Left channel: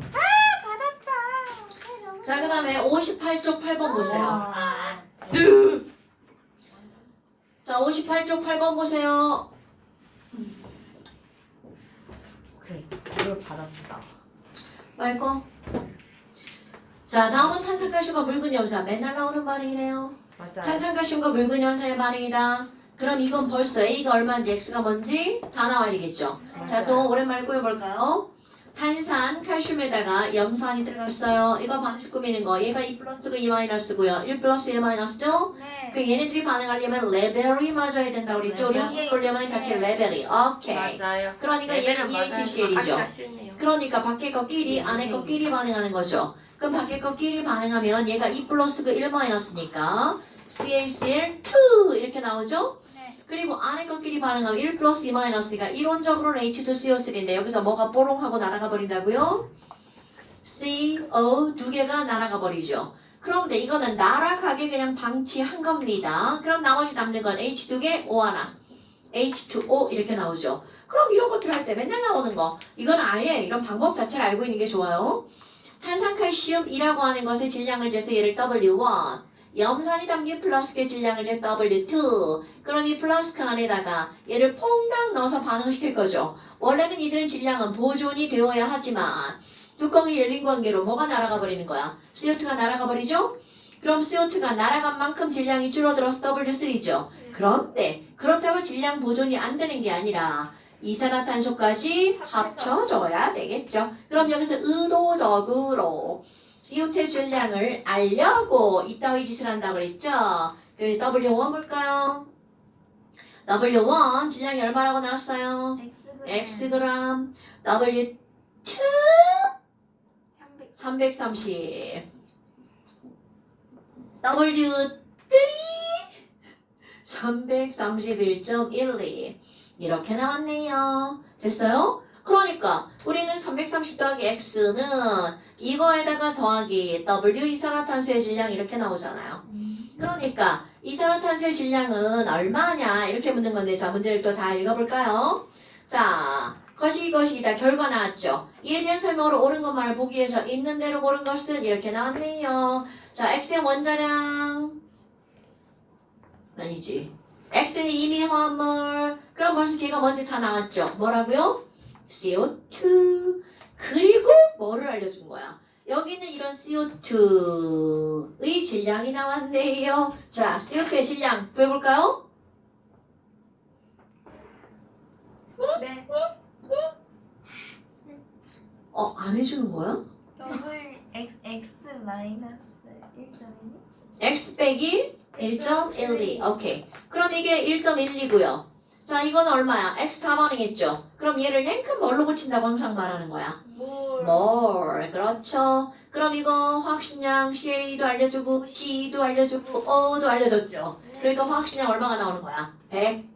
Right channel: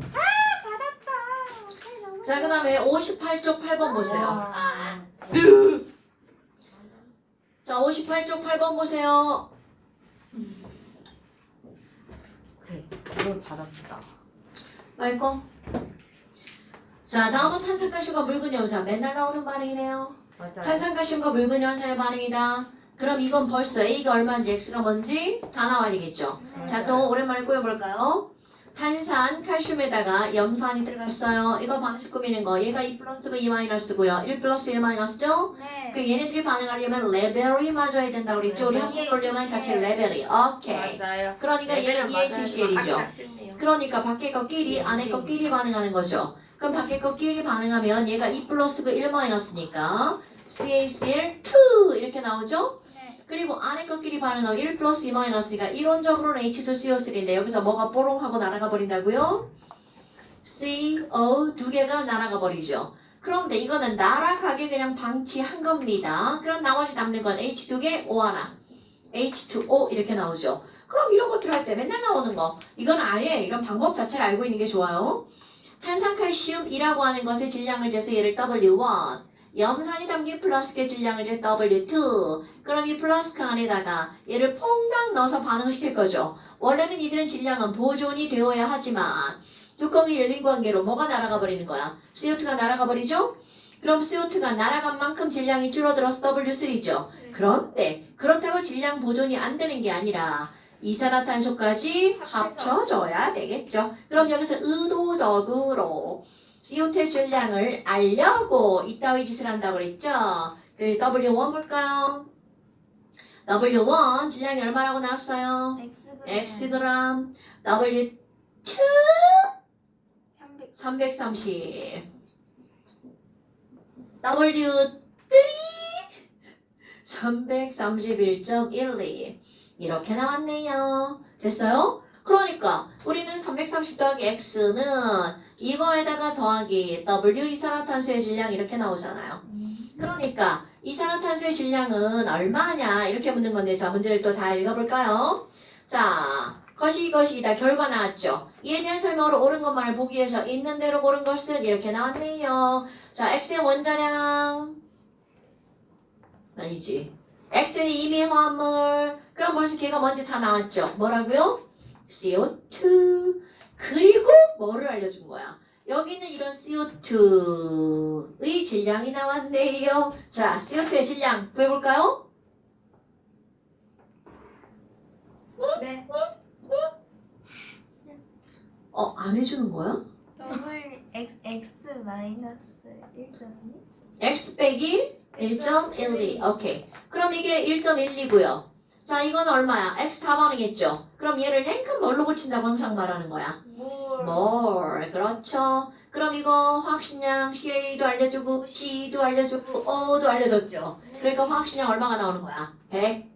받았다. 자, 그 다음에 58쪽 8번 보세요. 자, 58쪽 8번 보세요. 오케이. 이걸 받았다. 말고. 자, 다음은 탄산가스과 묽은 염산. 맨날 나오는 반응이네요. 맞아요. 탄산가스과 묽은 염산의 반응이다. 그럼 이건 벌써 A가 얼마인지 X가 뭔지 다 나와야 되겠죠. 자, 또 오랜만에 꾸며볼까요? 탄산, 칼슘에다가 염산이 들어갔어요. 이거 반응식 꾸미는 거. 얘가 2 플러스고 2 마이너스고요. 1 플러스 1 마이너스죠? 네. 그 얘네들이 반응하려면 레벨이 맞아야 된다고 그랬죠? 우리 네. 한번 보려면 같이 레벨이. 오케이. 맞아요. 그러니까 얘는 EHCl이죠. 그러니까 밖에 거끼리 안에 거끼리 반응하는 거죠. 그럼 밖에 거끼리 반응하면 얘가 2 플러스고 1 마이너스니까 CaCl2 이렇게 나오죠? 네. 그리고 안에 것끼리 반응하면 1 플러스 2 마이너스가 이론적으로는 H2CO3인데 여기서 뭐가 뽀롱하고 날아가 버린다고요? CO 두 개가 날아가 버리죠. 그런데 이거는 날아가게 그냥 방치한 겁니다. 그럼 나머지 남는 건 H 두 개, O 하나. H2O 이렇게 나오죠. 그럼 이런 것들 할 때 맨날 나오는 거. 이건 아예 이런 방법 자체를 알고 있는 게 좋아요. 탄산칼슘이라고 하는 것의 질량을 재서 얘를 W1. 염산이 담긴 플라스크의 질량을 재 W2. 그럼 이 플라스크 안에다가 얘를 퐁당 넣어서 반응시킬 거죠. 원래는 이들은 질량은 보존이 되어야 하지만 뚜껑이 열린 관계로 뭐가 날아가 버리는 거야? CO2가 날아가 버리죠? 그럼 CO2가 날아간 만큼 질량이 줄어들어서 W3죠. 그런데 그렇다고 질량 보존이 안 되는 게 아니라 이산화탄소까지 합쳐져야 되겠죠. 그럼 여기서 의도적으로 CO2 질량을 알려고 이따위 짓을 한다고 그랬죠. 그 W1 볼까요? W1 질량이 얼마라고 나왔어요? Xg. W2 330. W3 331.12 이렇게 나왔네요. 됐어요? 그러니까 우리는 330 더하기 X는 이거에다가 더하기 W 이산화탄소의 질량 이렇게 나오잖아요. 그러니까 이산화탄소의 질량은 얼마냐 이렇게 묻는 건데 자 문제를 또 다 읽어볼까요? 자 것이다 결과 나왔죠. 이에 대한 설명으로 옳은 것만을 보기 위해서 있는 대로 고른 것은 이렇게 나왔네요. 자 X의 원자량 아니지. X는 이미 화합물. 그럼 벌써 걔가 뭔지 다 나왔죠. 뭐라고요? CO2. 그리고 뭐를 알려준 거야? 여기는 이런 CO2의 질량이 나왔네요. 자, CO2의 질량 구해볼까요? 네. 안 해주는 거야? X 마이너스 1.2? X 빼기 1.12. 오케이. 그럼 이게 1.12고요. 자, 이건 얼마야? X 다 반응했죠? 그럼 얘를 냉큼 뭘로 고친다고 항상 말하는 거야? more. 그렇죠. 그럼 이거 화학식량 CA도 알려주고 C도 알려주고 O도 알려줬죠. 그러니까 화학식량 얼마가 나오는 거야? 100.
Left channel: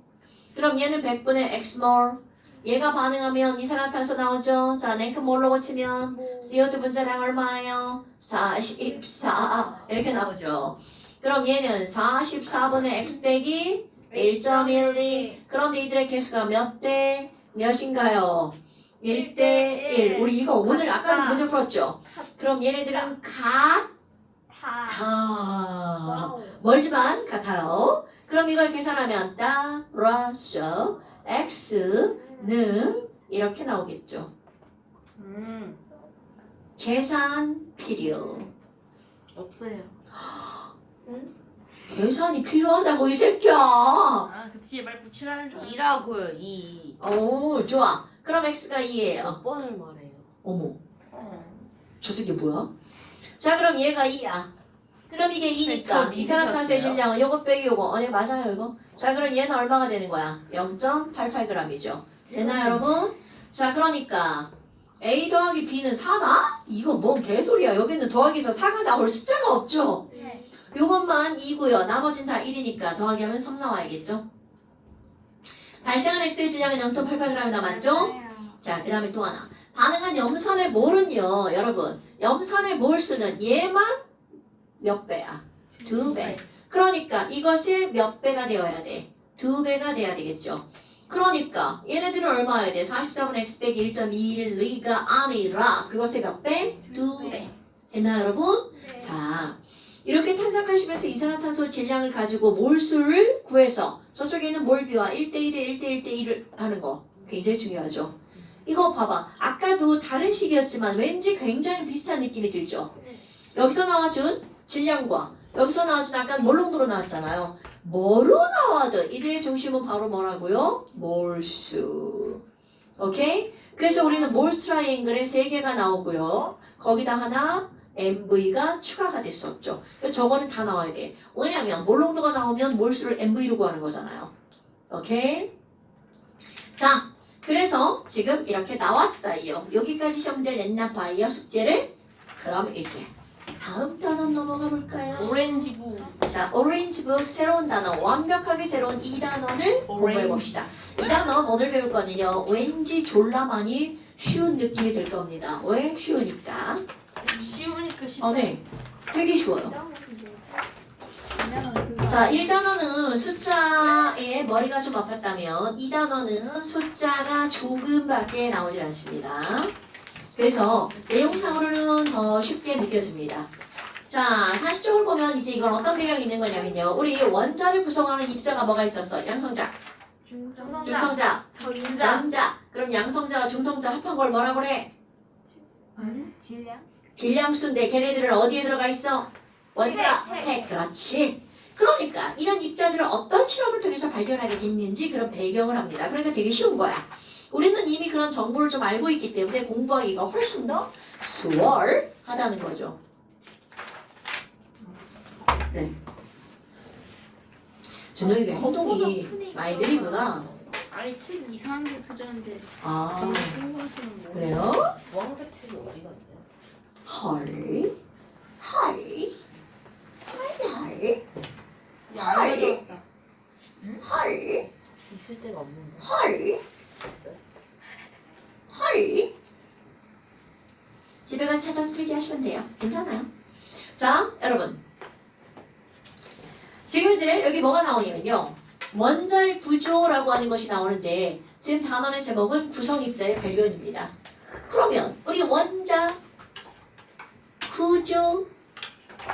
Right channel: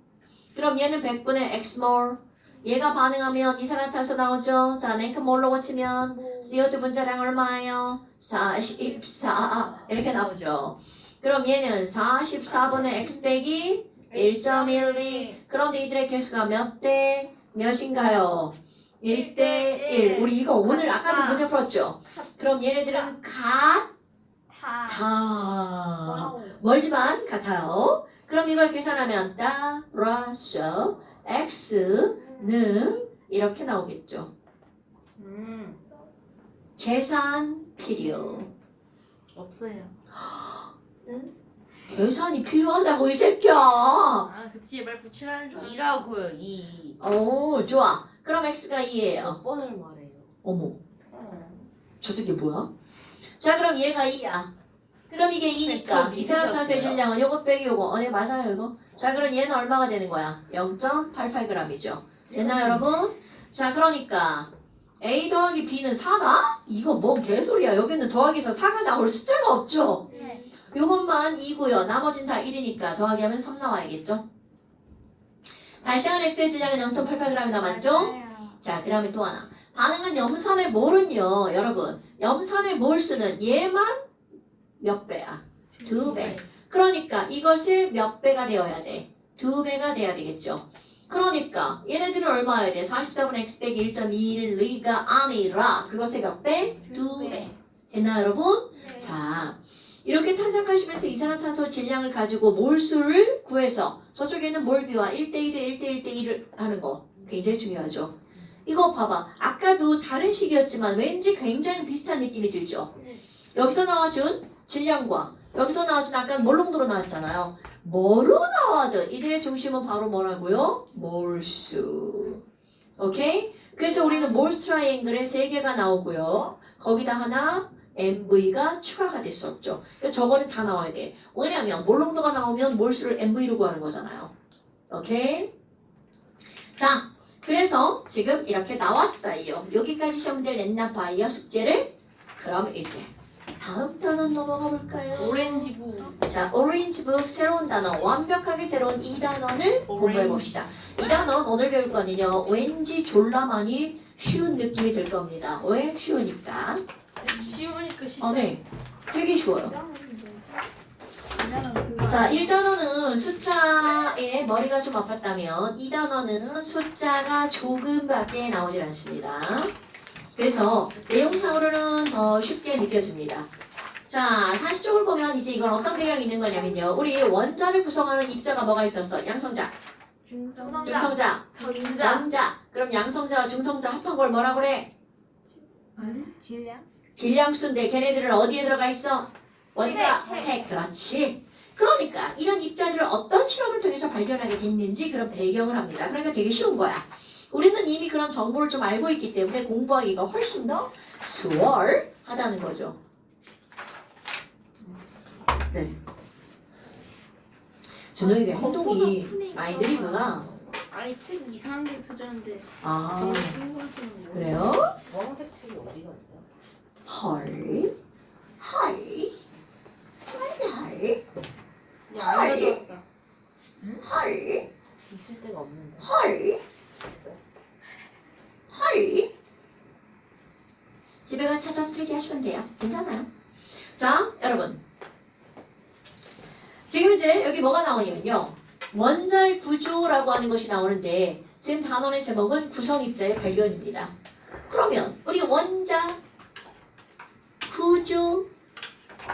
그럼 얘는 100분의 Xmol. 얘가 반응하면 이산화탄소 나오죠. 자, 냉큼 뭘로 고치면 CO2 분자량 얼마예요? 44. 이렇게 나오죠. 그럼 얘는 44분의 X 빼기 1.12. 그런데 이들의 개수가 몇 대 몇인가요? 1대 1. 우리 이거 오늘 아까도 문제 풀었죠? 그럼 얘네들은 같아. 멀지만 같아요. 그럼 이걸 계산하면 따라서 X는 이렇게 나오겠죠. 계산 필요. 없어요. 계산이 필요하다고 이 새끼야. 그 뒤에 말 붙이라는 좀. 2라고요. 2. 오 좋아. 그럼 X가 2예요. 몇 번을 말해요? 어머 저 새끼 뭐야? 자 그럼 얘가 2야. 그럼 이게 2니까 저 이산화탄소의 믿으셨어요? 질량은 요거 빼기 요거. 네 맞아요 이거. 자 그럼 얘는 얼마가 되는 거야? 0.88g이죠. 됐나요 여러분? 자 그러니까 A 더하기 B는 4다? 이거 뭔 개소리야. 여기는 더하기에서 4가 나올 숫자가 없죠. 네. 요것만 2고요. 나머지는 다 1이니까 더하기 하면 3 나와야겠죠. 발생한 X의 질량은 0.88g 남았죠? 자, 그 다음에 또 하나. 반응한 염산의 몰은요, 여러분. 염산의 몰수는 얘만 몇 배야? 2배. 그러니까 이것의 몇 배가 되어야 돼? 2배가 돼야 되겠죠. 그러니까 얘네들은 얼마여야 돼? 44분의 x 빼기 1.21가 아니라 그것의 몇 배? 2배. 됐나요 여러분? 네. 자 이렇게 탄산가시면서 이산화탄소 질량을 가지고 몰수를 구해서 저쪽에 있는 몰비와 1대2대 1대1대1을 하는 거 굉장히 중요하죠. 이거 봐봐. 아까도 다른 식이었지만 왠지 굉장히 비슷한 느낌이 들죠. 여기서 나와준 질량과 여기서 나와준 아까 몰롱도로 나왔잖아요. 뭐로 나와도 이들의 중심은 바로 뭐라고요? 몰수. 오케이? 그래서 우리는 몰수 트라이앵글에 3개가 나오고요. 거기다 하나 MV가 추가가 됐었죠. 그래서 저거는 다 나와야 돼. 왜냐면 몰롱도가 나오면 몰수를 MV로 구하는 거잖아요. 오케이? 자, 그래서 지금 이렇게 나왔어요. 여기까지 시험 문제를 냈나 봐요. 숙제를. 그럼 이제 다음 단어 넘어가 볼까요? 오렌지부. 자, 오렌지북 새로운 단어, 완벽하게 새로운 이 단어를 공부해 봅시다. 이 단어 오늘 배울 거는요. 왠지 졸라 많이 쉬운 느낌이 들 겁니다. 왜? 쉬우니까. 쉬우니까 쉽다. 네. 되게 쉬워요. 자, 1단어는 숫자에 머리가 좀 아팠다면 2단어는 숫자가 조금밖에 나오질 않습니다. 그래서 내용상으로는 더 쉽게 느껴집니다. 자, 40쪽을 보면 이제 이건 어떤 배경이 있는 거냐면요. 우리 원자를 구성하는 입자가 뭐가 있었어? 양성자, 중성자, 전자. 그럼 양성자와 중성자 합한 걸 뭐라 그래? 질량? 질량수인데 걔네들은 어디에 들어가 있어? 원자, 핵. 핵. 그렇지. 그러니까 이런 입자들을 어떤 실험을 통해서 발견하게 됐는지 그런 배경을 합니다. 그러니까 되게 쉬운 거야. 우리는 이미 그런 정보를 좀 알고 있기 때문에 공부하기가 훨씬 더 수월하다는 거죠. 네. 준호이가 행동이 많이 느리구나. 아니 책 이상한 게 표지하는데 아, 저는 생각하는 거. 그래요? 주황색 책이 어디 갔나요? 헐. 헐. 헐. 안 가져왔다. 헐. 있을 데가 없는데. 헐. 헐. 집에 가 찾아서 필기하시면 돼요. 괜찮아요. 자, 여러분. 지금 이제 여기 뭐가 나오냐면요. 원자의 구조라고 하는 것이 나오는데 지금 단원의 제목은 구성입자의 발견입니다. 그러면 우리 원자, 구조,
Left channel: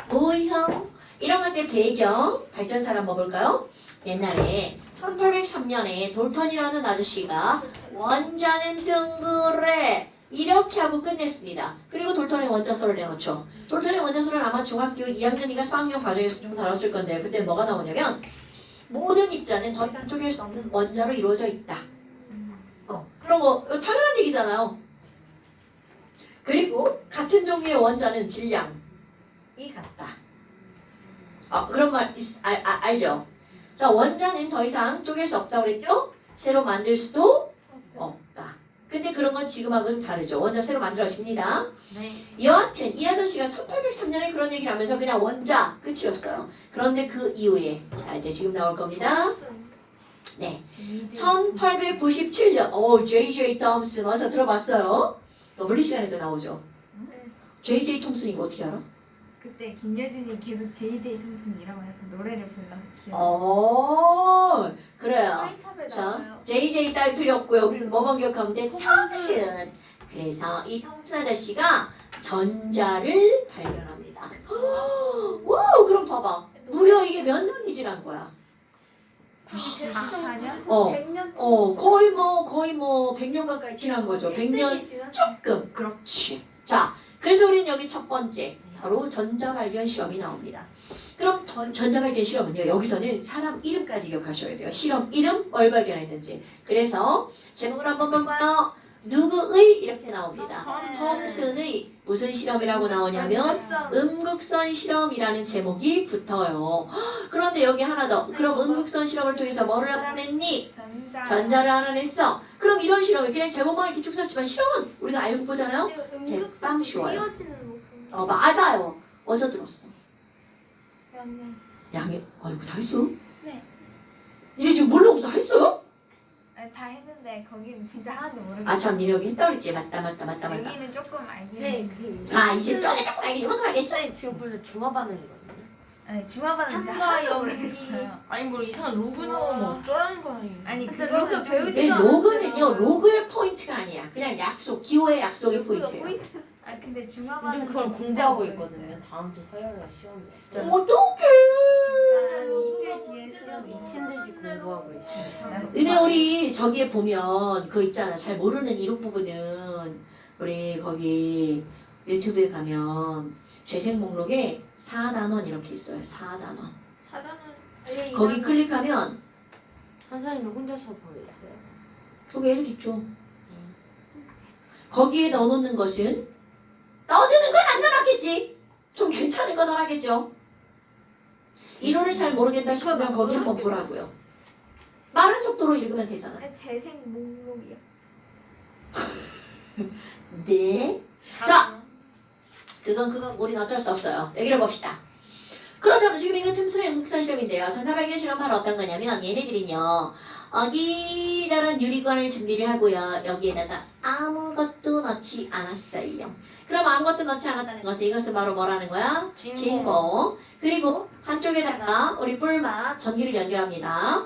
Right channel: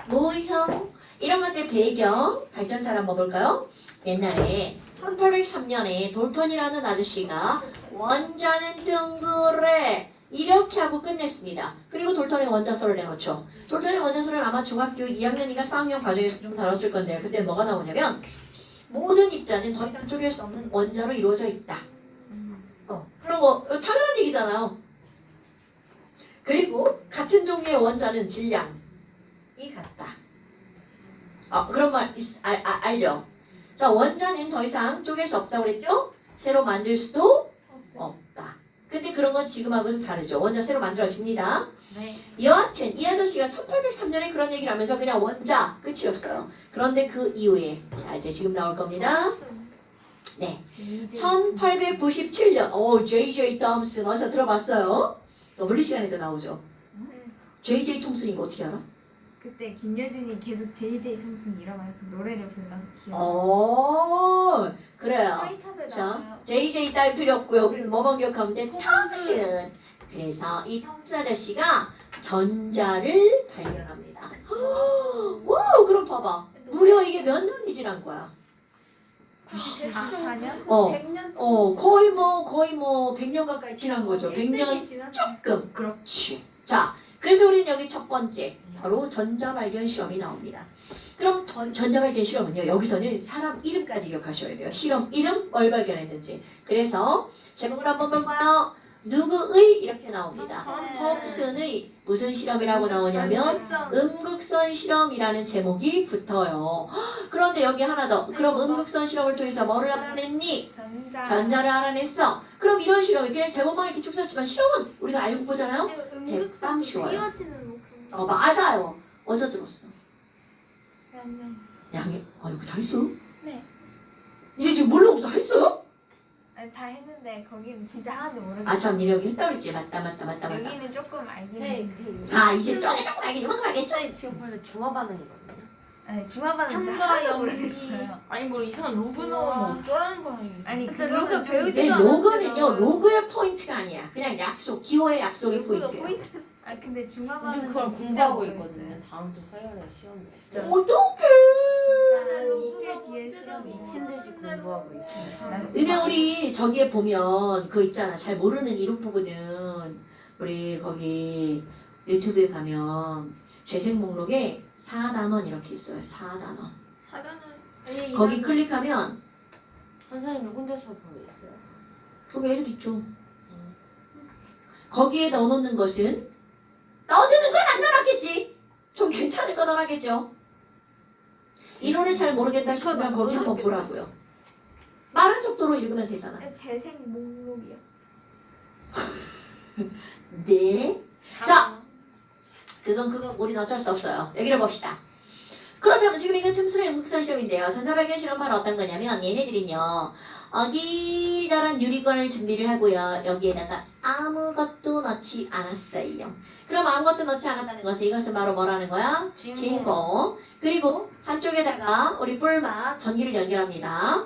모형 이런 것들 배경 발전사를 한번 볼까요? 옛날에 1803년에 돌턴이라는 아저씨가 원자는 둥그레 이렇게 하고 끝냈습니다. 그리고 돌턴의 원자설을 내놓죠. 돌턴의 원자설은 아마 중학교 2학년인가 4학년 과정에서 좀 다뤘을 건데 그때 뭐가 나오냐면 모든 입자는 더 이상 쪼갤 수 없는 원자로 이루어져 있다. 그런 거 당연한 얘기잖아요. 그리고 같은 종류의 원자는 질량이 같다. 그런 말 알죠? 자, 원자는 더 이상 쪼갤 수 없다고 그랬죠? 새로 만들 수도 없다. 근데 그런 건 지금하고는 다르죠. 원자 새로 만들어집니다. 네. 여하튼 이 아저씨가 1803년에 그런 얘기를 하면서 그냥 원자 끝이었어요. 그런데 그 이후에 자 이제 지금 나올 겁니다. 네. 1897년 J.J. 톰슨 어디서 들어봤어요? 물리 시간에도 나오죠. J.J. 톰슨이 거 어떻게 알아? 그때 김여준이 계속 JJ 톰슨이라고 해서 노래를 불러서 기억. 그래요. 화이트합에 자, 나와요. JJ 따위 필요 없고요. 우리는 뭐만 기억하면 돼? 톰슨. 그래서 이 톰슨 아저씨가 전자를 발견합니다. 와, 그럼 봐봐. 무려 이게 몇 년이 지난 거야? 94년? 100년? 거의 뭐 100년 가까이 지난 거죠. 100년 조금. 그렇지. 자, 그래서 우리는 여기 첫 번째 바로 전자 발견 실험이 나옵니다. 그럼 전자 발견 실험은요. 여기서는 사람 이름까지 기억하셔야 돼요. 실험 이름, 뭘 발견했는지. 그래서 제목을 한번 볼까요? 누구의 이렇게 나옵니다. 톰슨의 무슨 실험이라고 나오냐면 음극선 실험이라는 제목이 붙어요. 그런데 여기 하나 더. 그럼 음극선 실험을 통해서 뭐를 알아냈니? 전자를 알아냈어. 그럼 이런 실험이 그냥 제목만 이렇게 쭉 썼지만 실험은 우리가 알고 보잖아요. 대빵 쉬워요. 맞아요. 어디서 들었어? 양이 이거 다 했어? 네. 이게 지금 몰라고 다 했어요? 아니, 다 했는데 거기는 진짜 하나도 모르겠어요. 아참 니네 여기 했다 그랬지. 맞다. 여기는 조금 알긴 네, 했는데. 아 이제 조금 알겠지. 이만큼 알겠지. 지금 벌써 중화 반응이거든요. 아니 중화반은 진짜 한과 하나도 연기. 모르겠어요. 아니 뭐 이상한 로그 나오면 어쩌라는 거야 이게. 아니 글쎄, 그거는 로그 좀 배우지 이 않았어요. 로그는요, 로그의 포인트가 아니야. 그냥 약속, 기호의 약속의 포인트예요. 아 근데 중화반은 요즘 그걸 진짜 공부하고 모르겠어요. 있거든요. 다음 주 화요일날 시험이. 진짜. 어떡해. 진짜 한 이틀 뒤에 시험 미친 듯이 공부하고 있어요. 나는 근데 우리 저기에 보면 그 있잖아. 잘 모르는 이론 부분은 우리 거기 유튜브에 가면 재생 목록에 4단원 이렇게 있어요. 4단원. 사단은 거기 클릭하면 선생님이 혼자서 보냈어요. 거기 애들 있죠. 거기에 넣어놓는 것은 넣어두는 건 안 넣어놨겠지. 좀 괜찮은 거 넣어놨겠죠. 이론을 잘 모르겠다 싶으면 거기 한번 보라고요. 빠른 속도로 읽으면 되잖아. 재생 목록이요. 네. 자. 그건 우리는 어쩔 수 없어요. 여기를 봅시다. 그렇다면 지금 이거 틈수의 응급사 시험인데요. 전자발견 실험은 어떤 거냐면 얘네들은요. 기다란 유리관을 준비를 하고요. 여기에다가 아무것도 넣지 않았어요. 그럼 아무것도 넣지 않았다는 것은 이것은 바로 뭐라는 거야? 진공. 그리고 한쪽에다가 우리 뿔마 전기를 연결합니다.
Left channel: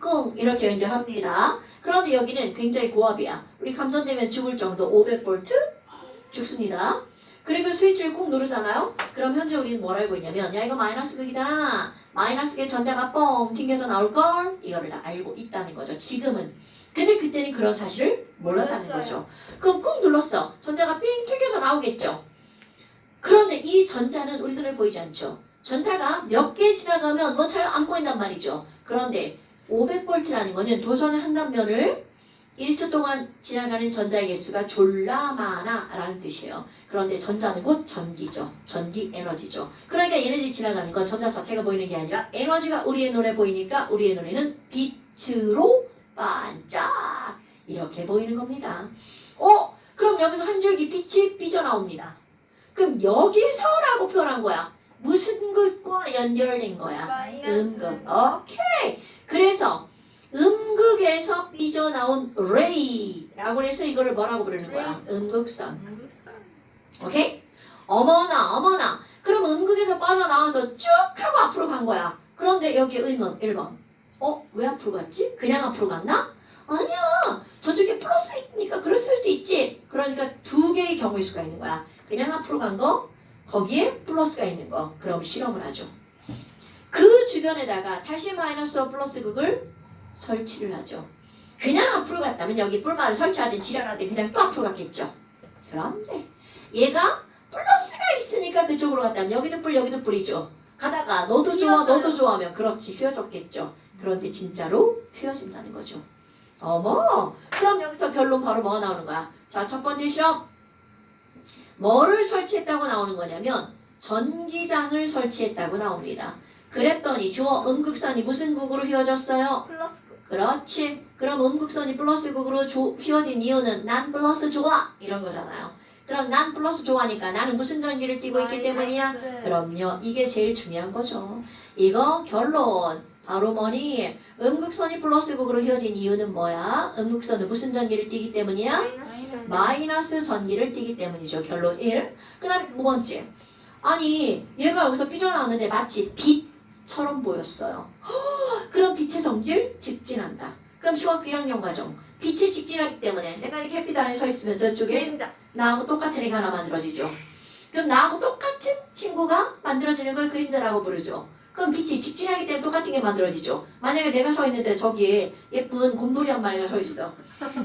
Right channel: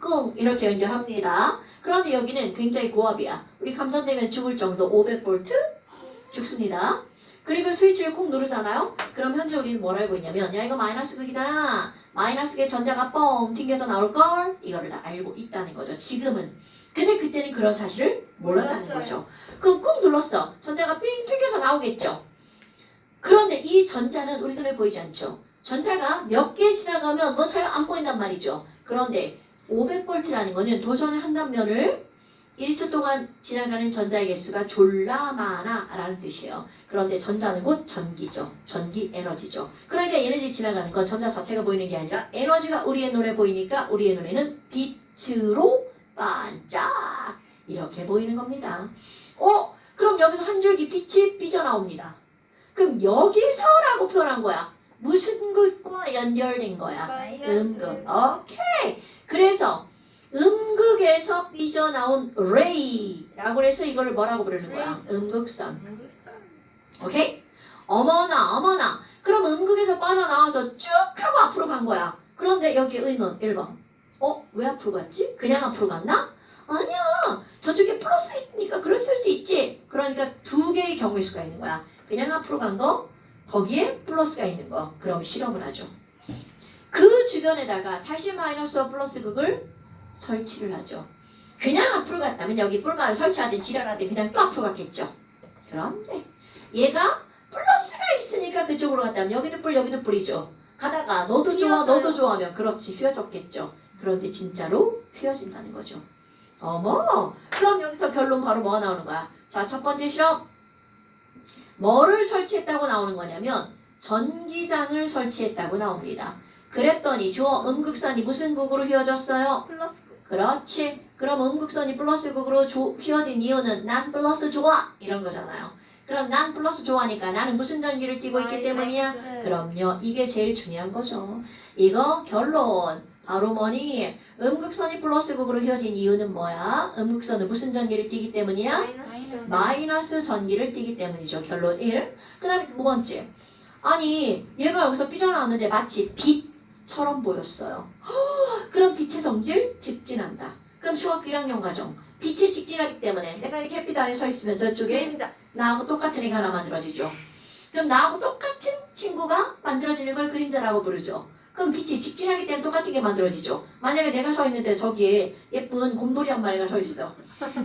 꿍 이렇게 연결합니다. 그런데 여기는 굉장히 고압이야. 우리 감전되면 죽을 정도 500V 죽습니다. 그리고 스위치를 꾹 누르잖아요. 그럼 현재 우리는 뭘 알고 있냐면 야 이거 마이너스 극이잖아. 마이너스 극에 전자가 뻥 튕겨서 나올걸? 이거를 다 알고 있다는 거죠. 지금은. 근데 그때는 그런 사실을 몰랐다는 거죠. 그럼 꾹 눌렀어. 전자가 삥 튕겨서 나오겠죠. 그런데 이 전자는 우리 눈에 보이지 않죠. 전자가 몇 개 지나가면 뭐 잘 안 보인단 말이죠. 그런데 500V라는 거는 도전을 한다면을 1초 동안 지나가는 전자의 개수가 졸라 많아라는 뜻이에요. 그런데 전자는 곧 전기죠. 전기 에너지죠. 그러니까 얘네들이 지나가는 건 전자 자체가 보이는 게 아니라 에너지가 우리의 눈에 보이니까 우리의 눈에는 빛으로 반짝 이렇게 보이는 겁니다. 그럼 여기서 한 줄기 빛이 삐져나옵니다. 그럼 여기서라고 표현한 거야. 무슨 극과 연결된 거야? 음극. 오케이. 그래서 음극에서 삐져나온 레이라고 해서 이거를 뭐라고 부르는 거야? 음극선. 오케이? 어머나. 그럼 음극에서 빠져나와서 쭉 하고 앞으로 간 거야. 그런데 여기 의문 1번. 왜 앞으로 갔지? 그냥 앞으로 갔나? 아니야. 저쪽에 플러스 있으니까 그럴 수도 있지. 그러니까 두 개의 경우일 수가 있는 거야. 그냥 앞으로 간 거, 거기에 플러스가 있는 거. 그럼 실험을 하죠. 그 주변에다가 다시 마이너스와 플러스 극을 설치를 하죠. 그냥 앞으로 갔다면 여기 뿔만을 설치하든 지랄하든 그냥 또 앞으로 갔겠죠. 그런데 얘가 플러스가 있으니까 그쪽으로 갔다면 여기도 뿔 여기도 뿔이죠. 가다가 너도 좋아 너도 좋아하면 그렇지 휘어졌겠죠. 그런데 진짜로 휘어진다는 거죠. 어머 그럼 여기서 결론 바로 뭐가 나오는 거야? 자 첫 번째 실험 뭐를 설치했다고 나오는 거냐면 전기장을 설치했다고 나옵니다. 그랬더니 주어 음극선이 무슨 극으로 휘어졌어요? 플러스. 그렇지. 그럼 음극선이 플러스 극으로 휘어진 이유는 난 플러스 좋아 이런 거잖아요. 그럼 난 플러스 좋아하니까 나는 무슨 전기를 띠고 있기 때문이야? 그럼요. 이게 제일 중요한 거죠. 이거 결론. 바로 뭐니? 음극선이 플러스 극으로 휘어진 이유는 뭐야? 음극선은 무슨 전기를 띠기 때문이야? 마이너스 전기를 띠기 때문이죠. 결론 1. 그 다음에 두 번째. 아니 얘가 여기서 삐져나왔는데 마치 빛처럼 보였어요. 그럼 빛의 성질? 직진한다. 그럼 중학교 1학년 과정. 빛이 직진하기 때문에 내가 이렇게 햇빛 아래 서 있으면 저쪽에 나하고 똑같은 애가 하나 만들어지죠. 그럼 나하고 똑같은 친구가 만들어지는 걸 그림자라고 부르죠. 그럼 빛이 직진하기 때문에 똑같은 게 만들어지죠. 만약에 내가 서 있는데 저기에 예쁜 곰돌이 한 마리가 서 있어.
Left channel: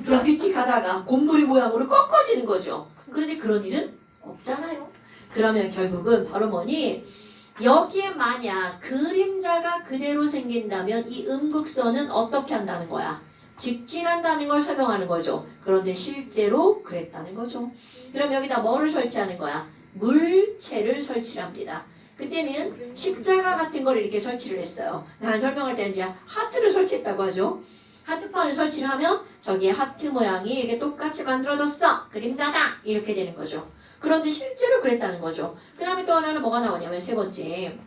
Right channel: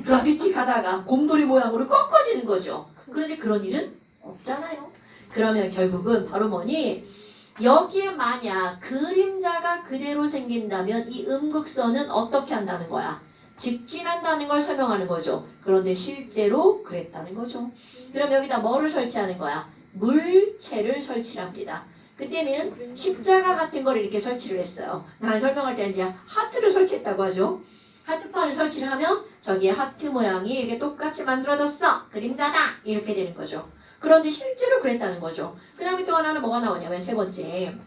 그럼 빛이 가다가 곰돌이 모양으로 꺾어지는 거죠. 그런데 그런 일은 없잖아요. 그러면 결국은 바로 뭐니? 여기에 만약 그림자가 그대로 생긴다면 이 음극선은 어떻게 한다는 거야? 직진한다는 걸 설명하는 거죠. 그런데 실제로 그랬다는 거죠. 그럼 여기다 뭐를 설치하는 거야? 물체를 설치합니다. 그때는 십자가 같은 걸 이렇게 설치를 했어요. 난 설명할 때는 이제 하트를 설치했다고 하죠. 하트판을 설치를 하면 저기에 하트 모양이 이렇게 똑같이 만들어졌어. 그림자다. 이렇게 되는 거죠. 그런데 실제로 그랬다는 거죠. 그 다음에 또 하나는 뭐가 나오냐면 세 번째.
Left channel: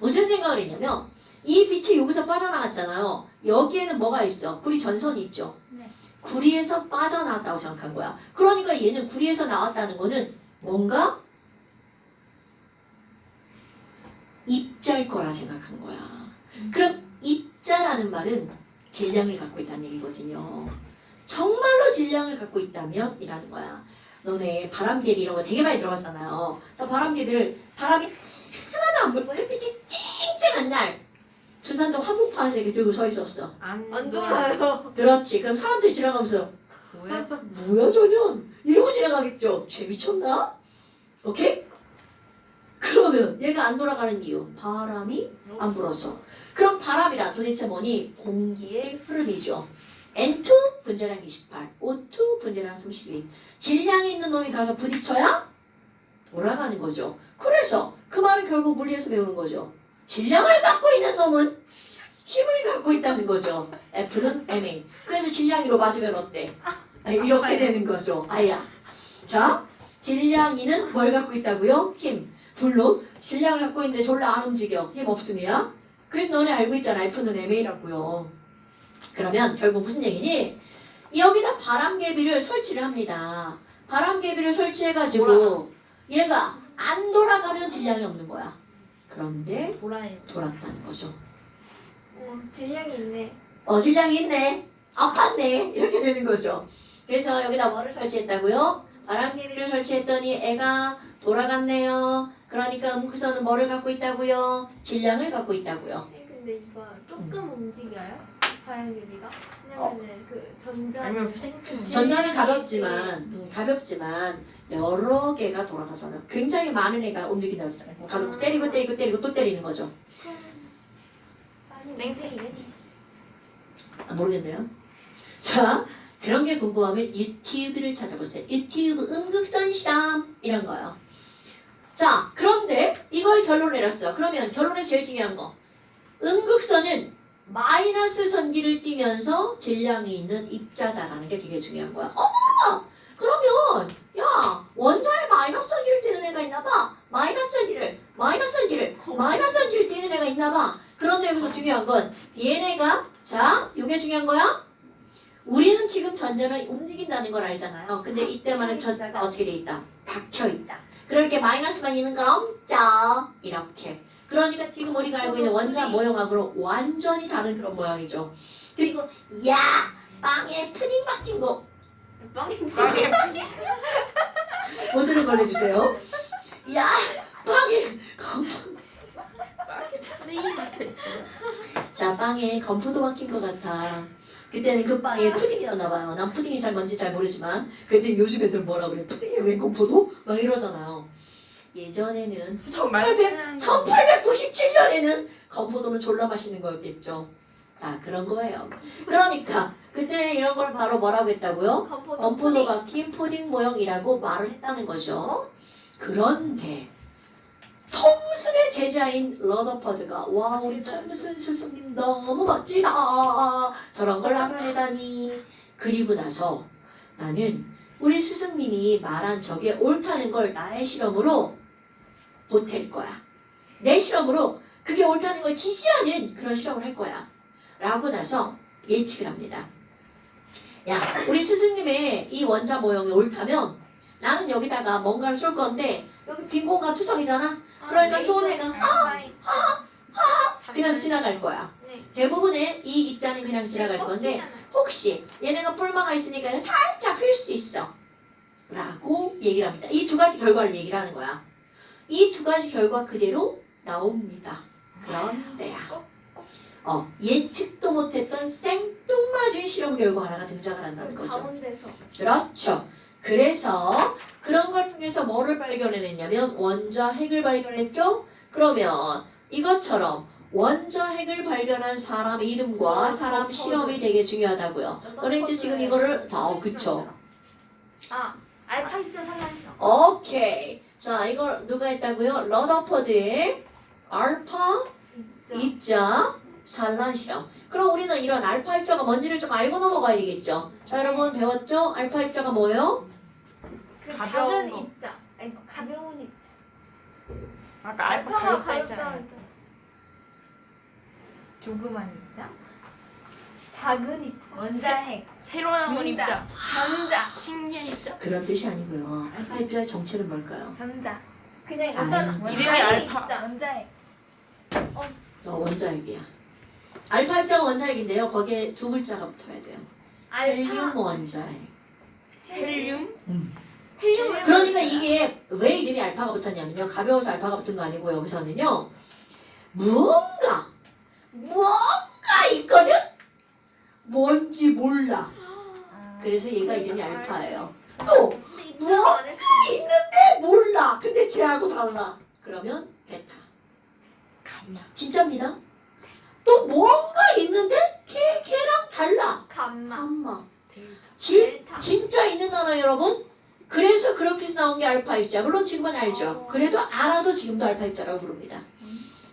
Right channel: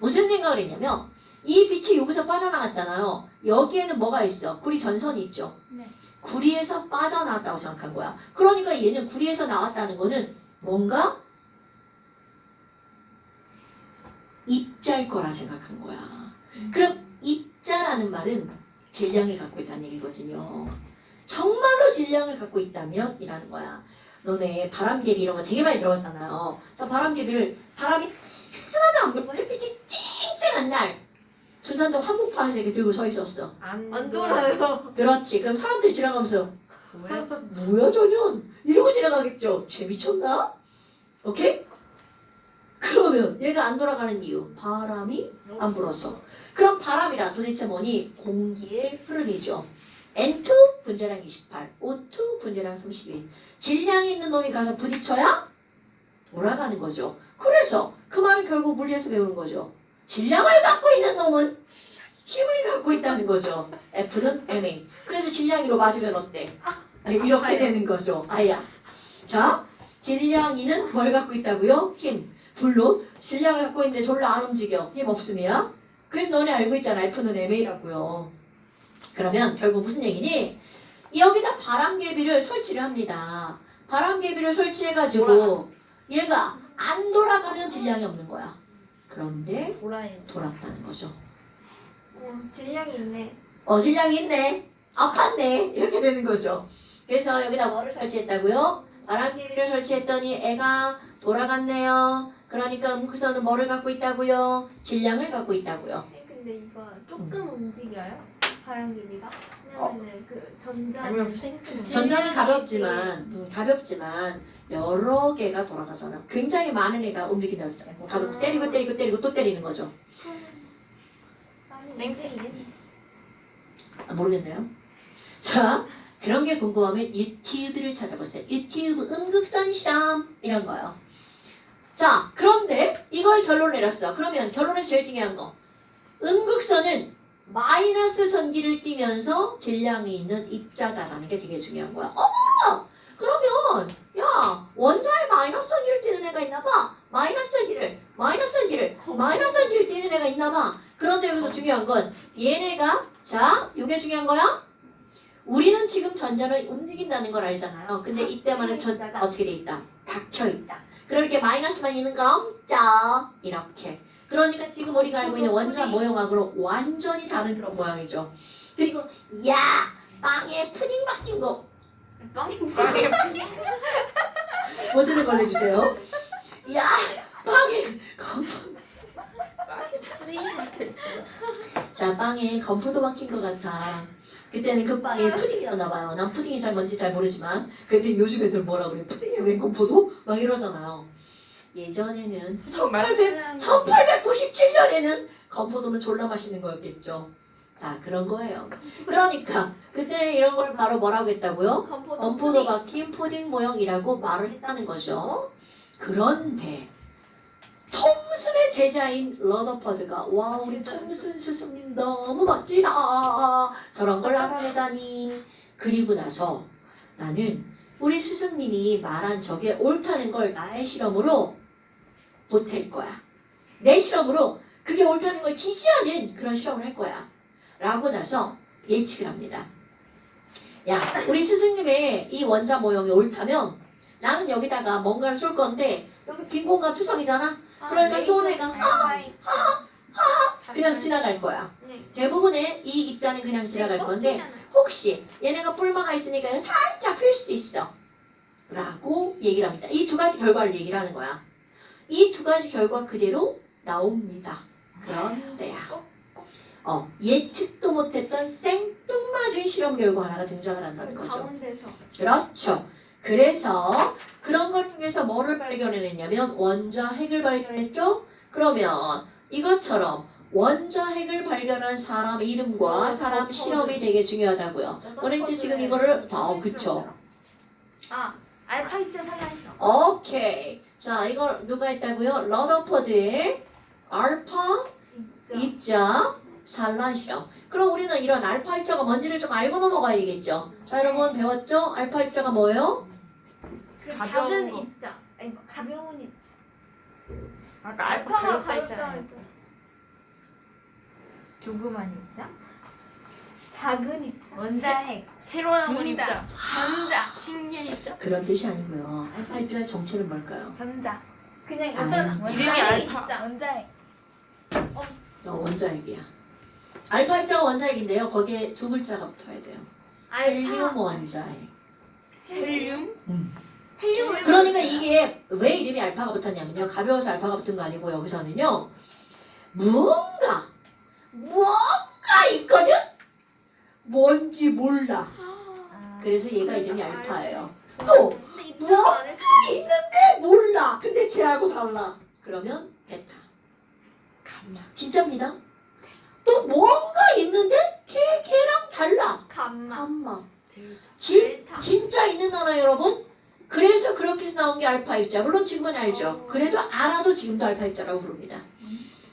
무슨 생각을 했냐면 이 빛이 여기서 빠져나갔잖아요. 여기에는 뭐가 있어? 구리 전선이 있죠. 네. 구리에서 빠져나왔다고 생각한 거야. 그러니까 얘는 구리에서 나왔다는 거는 뭔가 입자일 거라 생각한 거야. 그럼 입자라는 말은 질량을 갖고 있다는 얘기거든요. 정말로 질량을 갖고 있다면 이라는 거야. 너네 바람개비 이런 거 되게 많이 들어봤잖아요. 그래서 바람개비를 바람이 하나도 안 불고 햇빛이 쨍쨍한 날 준산동 한복판에서 이렇게 들고 서 있었어. 안 돌아요. 그렇지. 그럼 사람들이 지나가면서 뭐야 저년 이러고 지나가겠죠. 쟤 미쳤나? 오케이? 그러면 얘가 안 돌아가는 이유 바람이 안 불어서. 그럼 바람이란 도대체 뭐니? 공기의 흐름이죠. N2 분자량 28, O2 분자량 32. 질량이 있는 놈이 가서 부딪혀야 돌아가는 거죠. 그래서 그 말은 결국 물리에서 배우는 거죠. 질량을 갖고 있는 놈은 힘을 갖고 있다는 거죠. F는 MA. 그래서 질량이로 맞으면 어때? 아니, 이렇게 되는 거죠. 아야. 자, 질량이는 뭘 갖고 있다고요? 힘. 물론 질량을 갖고 있는데 졸라 안 움직여. 힘 없으면. 그래서 너네 알고 있잖아. F는 MA라고요. 그러면 결국 무슨 얘기니? 여기다 바람개비를 설치를 합니다. 바람개비를 설치해가지고 얘가 안 돌아가면 질량이 없는 거야. 그런데 돌았다는 거죠. 질량이 있네. 질량이 있네. 아팠네. 이렇게 되는 거죠. 그래서 여기다 뭐를 설치했다고요? 바람개비를 설치했더니 애가 돌아갔네요. 그러니까 음극선은 뭐를 갖고 있다고요? 질량을 갖고 있다고요. 근데 이거 조금 움직여요? 바람개비가? 왜냐면은 그 아니면 전자는 가볍지만 여러 개가 돌아가서는 굉장히 많은 애가 움직인다고 했잖아요. 가지고 때리고 또 때리는 거죠. 모르겠네요. 자, 그런 게 궁금하면 유튜브를 찾아보세요. 유튜브 음극선 실험 이런 거요. 자, 그런데 이거의 결론을 내렸어요. 그러면 결론에 제일 중요한 거. 음극선은 마이너스 전기를 띠면서 질량이 있는 입자다라는 게 되게 중요한 거야. 그러면 야 원자에 마이너스 전기를 띠는 애가 있나 봐. 마이너스 전기를 띠는 애가 있나 봐. 그런데 여기서 중요한 건 얘네가 자 이게 중요한 거야. 우리는 지금 전자를 움직인다는 걸 알잖아요. 근데 이때만은 전자가 어떻게 돼 있다? 박혀 있다. 그러니까 마이너스만 있는 건 없죠. 이렇게. 그러니까 지금 우리가 알고 있는 원자 모형하고는 완전히 다른 그런 모양이죠. 그리고 야 빵에 푸딩 박힌 거 빵이 모두를 걸려주세요. 야 빵에 자 빵에 건포도 박힌 것 같아. 그때는 그 빵에 푸딩이었나 봐요. 난 푸딩이 잘 뭔지 잘 모르지만 그때 요즘 애들 뭐라 그래? 푸딩에 웬 건포도? 막 이러잖아요. 예전에는 1897년에는 건포도는 졸라 맛있는 거였겠죠. 자 그런 거예요. 그러니까 그때 이런 걸 바로 뭐라고 했다고요? 건포도 박힌 푸딩 모형이라고 말을 했다는 거죠. 그런데 톰슨의 제자인 러더퍼드가 와 우리 톰슨 스승님 너무 멋지다. 저런 걸 알아내다니. 그리고 나서 나는 우리 스승님이 말한 저게 옳다는 걸 나의 실험으로 보탤 거야. 내 실험으로 그게 옳다는 걸 지시하는 그런 실험을 할 거야. 라고 나서 예측을 합니다. 야, 우리 스승님의 이 원자 모형이 옳다면 나는 여기다가 뭔가를 쏠 건데 여기 빈 공간 투성이잖아. 그러니까 쏘는 애가 그냥 지나갈 거야. 대부분의 이 입자는 그냥 지나갈 건데 혹시 얘네가 뿔마가 있으니까 살짝 필 수도 있어. 라고 얘기를 합니다. 이 두 가지 결과를 얘기를 하는 거야. 이 두 가지 결과 그대로 나옵니다. 그런데야 예측도 못했던 생뚱맞은 실험 결과 하나가 등장을 한다는 거죠. 가운데서. 그렇죠. 그래서 그런 걸 통해서 뭐를 발견해냈냐면 원자 핵을 발견했죠. 그러면 이것처럼 원자 핵을 발견한 사람 이름과 사람 실험이 되게 중요하다고요. 너네 지금 이거를 그쵸. 알파 입자 상향. 오케이. 자, 이걸 누가 했다고요? 러더퍼드의 알파 입자 산란 실험. 그럼 우리는 이런 알파 입자가 뭔지를 좀 알고 넘어가야겠죠. 자, 여러분 배웠죠? 알파 입자가 뭐예요? 가벼운 작은 거. 입자. 아니 가벼운 입자. 아까 알파 알파가 가볍다 했잖아요. 가볍다. 조그만 입자? 작은 입자. 원자핵, 새로 나온 분자, 입자. 전자, 신기한 입자. 그런 뜻이 아니고요. 알파 입자의 정체는 뭘까요? 전자. 그냥 아니요. 어떤 이름이 작은 알파. 입자. 원자핵. 원자핵이야. 알파 입자가 원자핵인데요. 거기에 두 글자가 붙어야 돼요. 헬륨 원자핵. 헬륨? 그러니까 이게 왜 이름이 알파가 붙었냐면요. 가벼워서 알파가 붙은 거 아니고 여기서는요. 무언가 있거든? 뭔지 몰라. 그래서 얘가 이름이 알파예요. 또 무언가 있는데 몰라. 근데 쟤하고 달라. 그러면 베타. 감마. 진짜입니다. 또 뭔가 있는데 걔랑 달라. 감마. 엄마. 델타. 진짜 있는 단어 여러분. 그래서 그렇게 해서 나온 게 알파 입자. 물론 지금은 알죠. 그래도 알아도 지금도 알파 입자라고 부릅니다.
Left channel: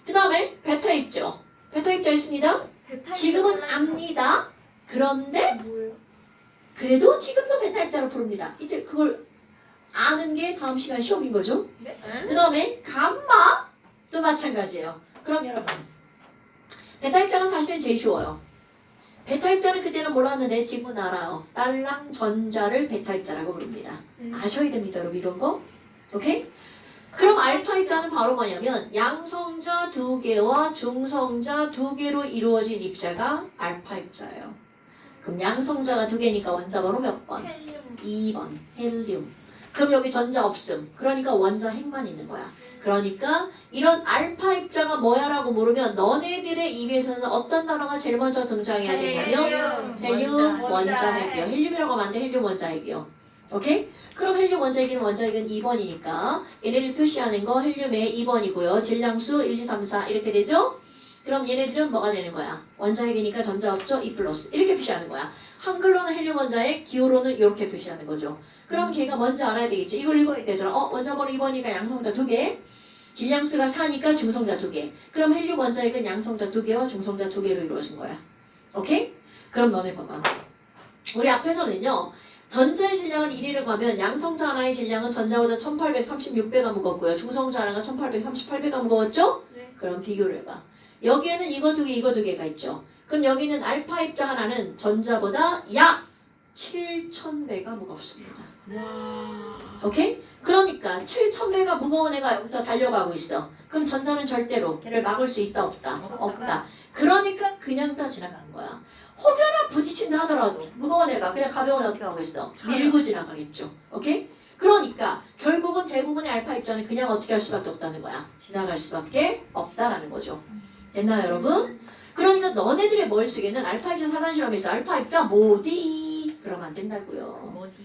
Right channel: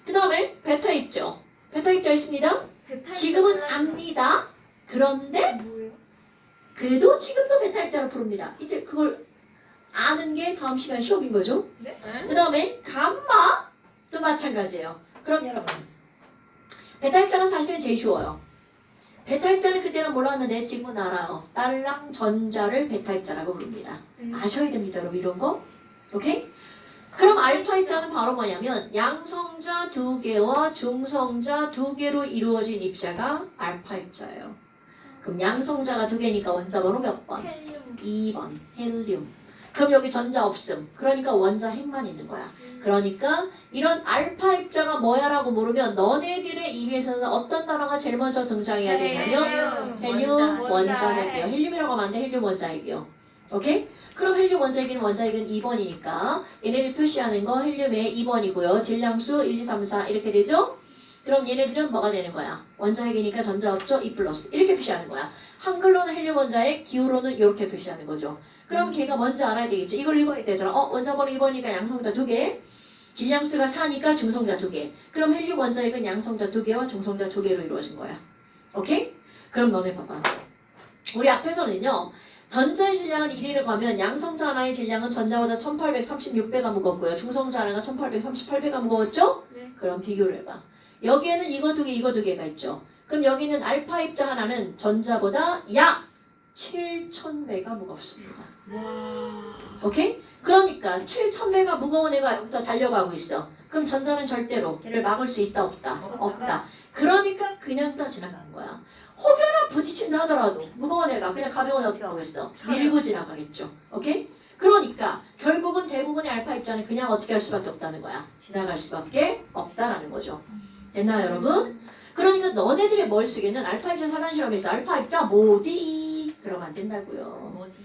그 다음에 베타 입자. 베타 입자 있습니다. 지금은 압니다. 그런데 뭐예요? 그래도 지금도 베타 입자로 부릅니다. 이제 그걸 아는 게 다음 시간 시험인 거죠. 그 다음에 감마도 마찬가지예요. 그럼 여러분 베타 입자는 사실은 제일 쉬워요. 베타 입자는 그때는 몰랐는데 지금은 알아요. 딸랑 전자를 베타 입자라고 부릅니다. 아셔야 됩니다, 여러분 이런 거. 오케이? 그럼 알파 입자는 바로 뭐냐면 양성자 2개와 중성자 2개로 이루어진 입자가 알파 입자예요. 그럼 양성자가 2개니까 원자 번호 몇 번? 헬륨. 2번 헬륨. 그럼 여기 전자 없음. 그러니까 원자 핵만 있는 거야. 그러니까 이런 알파 입자가 뭐야 라고 물으면 너네들의 입에서는 어떤 단어가 제일 먼저 등장해야 되냐면 헬륨 원자핵이요. 헬륨이라고 하면 안 돼. 헬륨 원자핵이요. 오케이? 그럼 헬륨 원자핵이는 원자핵은 2번이니까 얘네들 표시하는 거 헬륨의 2번이고요. 질량수 1, 2, 3, 4 이렇게 되죠? 그럼 얘네들은 뭐가 되는 거야? 원자핵이니까 전자 없죠? 2 플러스 이렇게 표시하는 거야. 한글로는 헬륨 원자핵, 기호로는 이렇게 표시하는 거죠. 그럼 걔가 뭔지 알아야 되겠지. 이걸 읽어야 되잖아. 원자 번호 2번이니까 양성자 2개. 질량수가 4니까 중성자 2개. 그럼 헬륨 원자핵은 양성자 2개와 중성자 2개로 이루어진 거야. 오케이? 그럼 너네 봐봐. 우리 앞에서는요. 전자의 질량을 1이라고 하면 양성자 하나의 질량은 전자보다 1836배가 무겁고요. 중성자 하나가 1838배가 무거웠죠? 네. 그럼 비교를 해봐. 여기에는 이거 2개, 이거 2개가 있죠. 그럼 여기는 알파 입자 하나는 전자보다 약 7000배가 무겁습니다. 와. 오케이? 그러니까 7000배가 무거운 애가 여기서 달려가고 있어. 그럼 전자는 절대로 걔를 막을 수 있다 없다? 없다. 그러니까 그냥 다 지나간 거야. 혹여나 부딪힌다 하더라도 무거운 애가 그냥 가벼운 애 어떻게 하고 있어? 밀고 지나가겠죠. 오케이? 그러니까 결국은 대부분의 알파 입자는 그냥 어떻게 할 수밖에 없다는 거야. 지나갈 수밖에 없다라는 거죠. 됐나요 여러분? 그러니까 너네들의 머릿속에는 알파 입자 사단 실험에서 알파 입자 뭐디? 그러면 안 된다고요. 뭐지?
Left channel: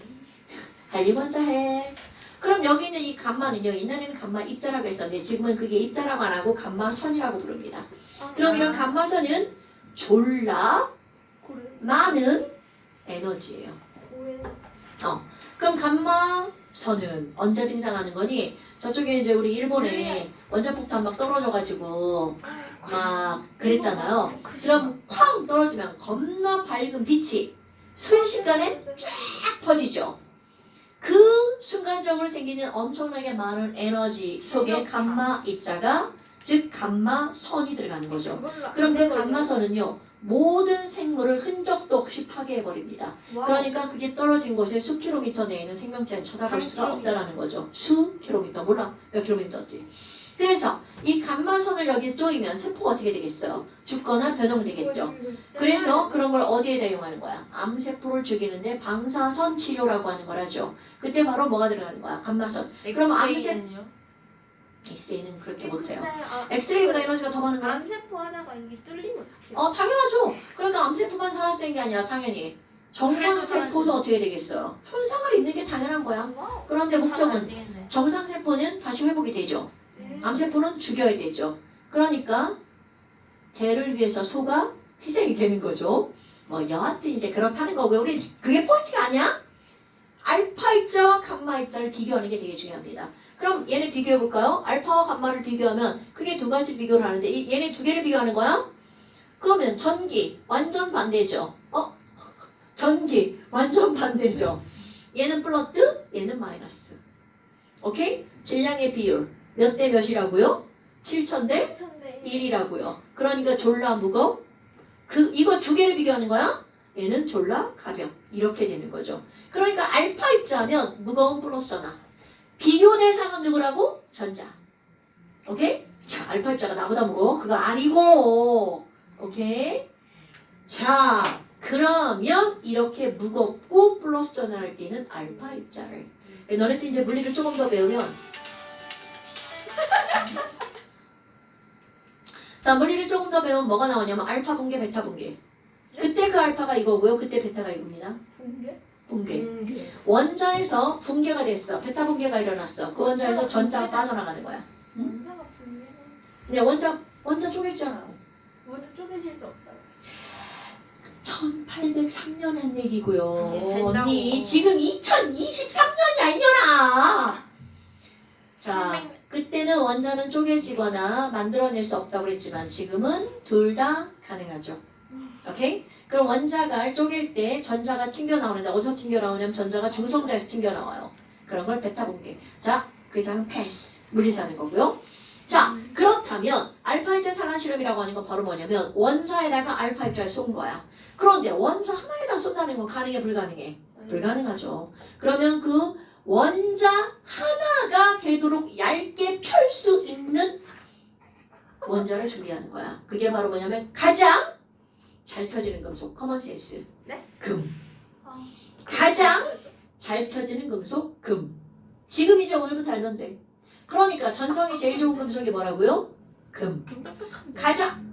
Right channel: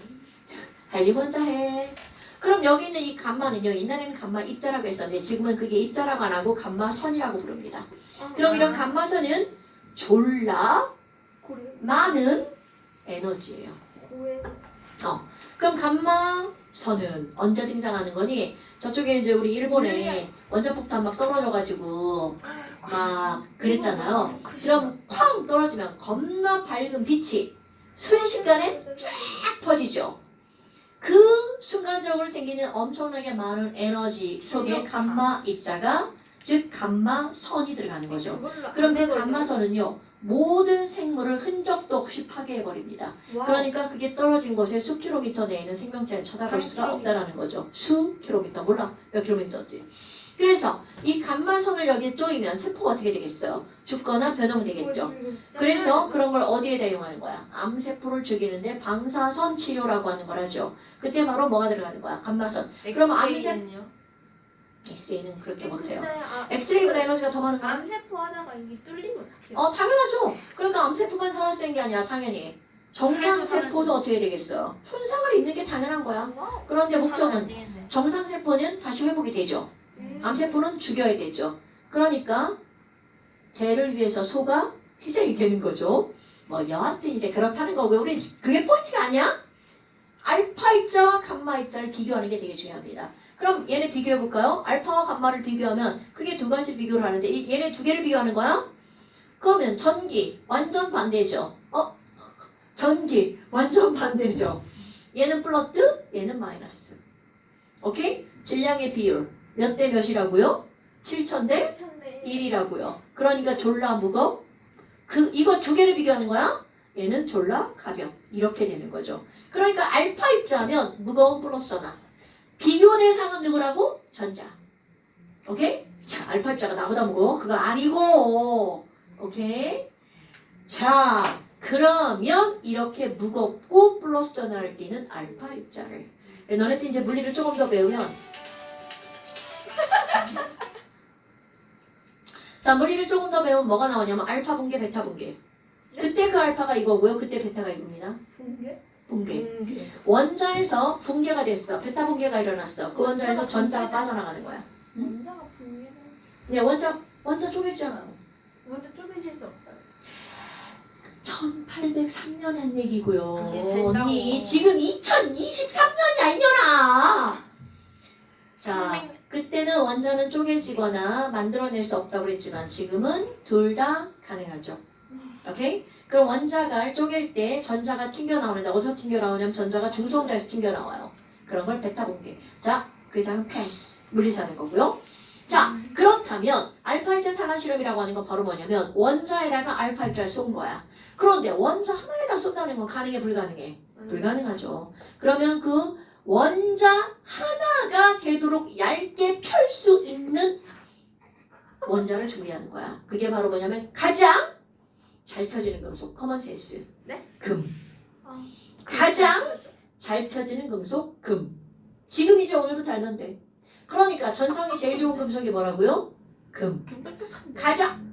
헬륨 원자핵. 그럼 여기 있는 이 감마는요. 옛날에는 감마 입자라고 했었는데 지금은 그게 입자라고 안 하고 감마선이라고 부릅니다. 그럼 이런 감마선은 졸라 고래. 많은 에너지예요. 고래. 그럼 감마선은 언제 등장하는 거니? 저쪽에 이제 우리 일본에 원자폭탄 막 떨어져가지고 막 그랬잖아요. 그럼 쾅 떨어지면 겁나 밝은 빛이 순식간에 쫙 퍼지죠. 그 순간적으로 생기는 엄청나게 많은 에너지 속에 감마 입자가 즉 감마선이 들어가는 거죠. 그럼 그 감마선은요 모든 생물을 흔적도 없이 파괴해버립니다. 그러니까 그게 떨어진 곳에 수 킬로미터 내에는 생명체는 찾아볼 수가 없다라는 거죠. 수 킬로미터 몰라 몇 킬로미터인지. 그래서 이 감마선을 여기에 쪼이면 세포가 어떻게 되겠어요? 죽거나 변형되겠죠. 그래서 그런 걸 어디에 대용하는 거야? 암세포를 죽이는데 방사선 치료라고 하는 걸 하죠. 그때 바로 뭐가 들어가는 거야? 감마선. 그럼 엑스레이는요? 엑스레이는 그렇게 못해요. 근데 엑스레이보다 에너지가 더 많은 거야? 암세포 하다가 이게 뚫리면 어떡해요? 당연하죠. 그러니까 암세포만 살아서 된 게 아니라 당연히 정상세포도 살아야지. 어떻게 되겠어요? 손상을 입는 게 당연한 거야. 와우. 그런데 하면 안 목적은 되겠네. 정상세포는 다시 회복이 되죠. 암세포는 죽여야 되죠. 그러니까 대를 위해서 소가 희생이 되는 거죠. 뭐 여하튼 이제 그렇다는 거고요. 우리 그게 포인트가 아니야? 알파 입자와 감마 입자를 비교하는 게 되게 중요합니다. 그럼 얘네 비교해 볼까요? 알파와 감마를 비교하면 그게 두 가지 비교를 하는데 얘네 두 개를 비교하는 거야? 그러면 전기 완전 반대죠. 전기 완전 반대죠. 얘는 플러스, 얘는 마이너스. 오케이? 질량의 비율 몇 대 몇이라고요? 7000대 1이라고요. 그러니까 졸라 무거워. 이거 두 개를 비교하는 거야? 얘는 졸라 가벼. 이렇게 되는 거죠. 그러니까 알파 입자하면 무거운 플러스 하나. 비교 대상은 누구라고? 전자. 오케이? 자, 알파 입자가 나보다 무거워? 그거 아니고. 오케이? 자, 그러면 이렇게 무겁고 플러스 전환할 때는 알파 입자를. 너네들 이제 물리를 조금 더 배우면 자, 물리를 조금 더 배우면 뭐가 나오냐면 알파 분계, 베타 분계. 그때 그 알파가 이거고요. 그때 베타가 이겁니다. 분계? 분계. 원자에서 분계가 됐어. 베타 분계가 일어났어. 그 원자에서 전자가 빠져나가는 거야. 원자가 분계. 근데 원자 쪼개지잖아. 먼저 쪼개질 수 없다. 1803년 한 얘기고요. 된다고. 언니 지금 2023년이야 이년아. 자, 그때는 원자는 쪼개지거나 만들어낼 수 없다고 그랬지만 지금은 둘 다 가능하죠. 오케이? 그럼 원자가 쪼갤 때 전자가 튕겨 나오는데 어디서 튕겨 나오냐면 전자가 중성자에서 튕겨 나와요. 그런 걸 베타 분계. 자, 그 다음은 패스. 물리자는 거고요. 자, 그렇다면 알파 입자 상한 실험이라고 하는 건 바로 뭐냐면 원자에다가 알파 입자를 쏜 거야. 그런데 원자 하나에다 쏜다는 건 가능해 불가능해? 불가능하죠. 그러면 그 원자 하나가 되도록 얇게 펼 수 있는 원자를 준비하는 거야. 그게 바로 뭐냐면 가장 잘 펴지는 금속, 커먼센스. 네? 금. 아. 가장 잘 펴지는 금속, 금. 지금 이제 오늘부터 알면 돼. 그러니까 전성이 제일 좋은 금속이 뭐라고요? 금. 좀 딱딱한데. 가장.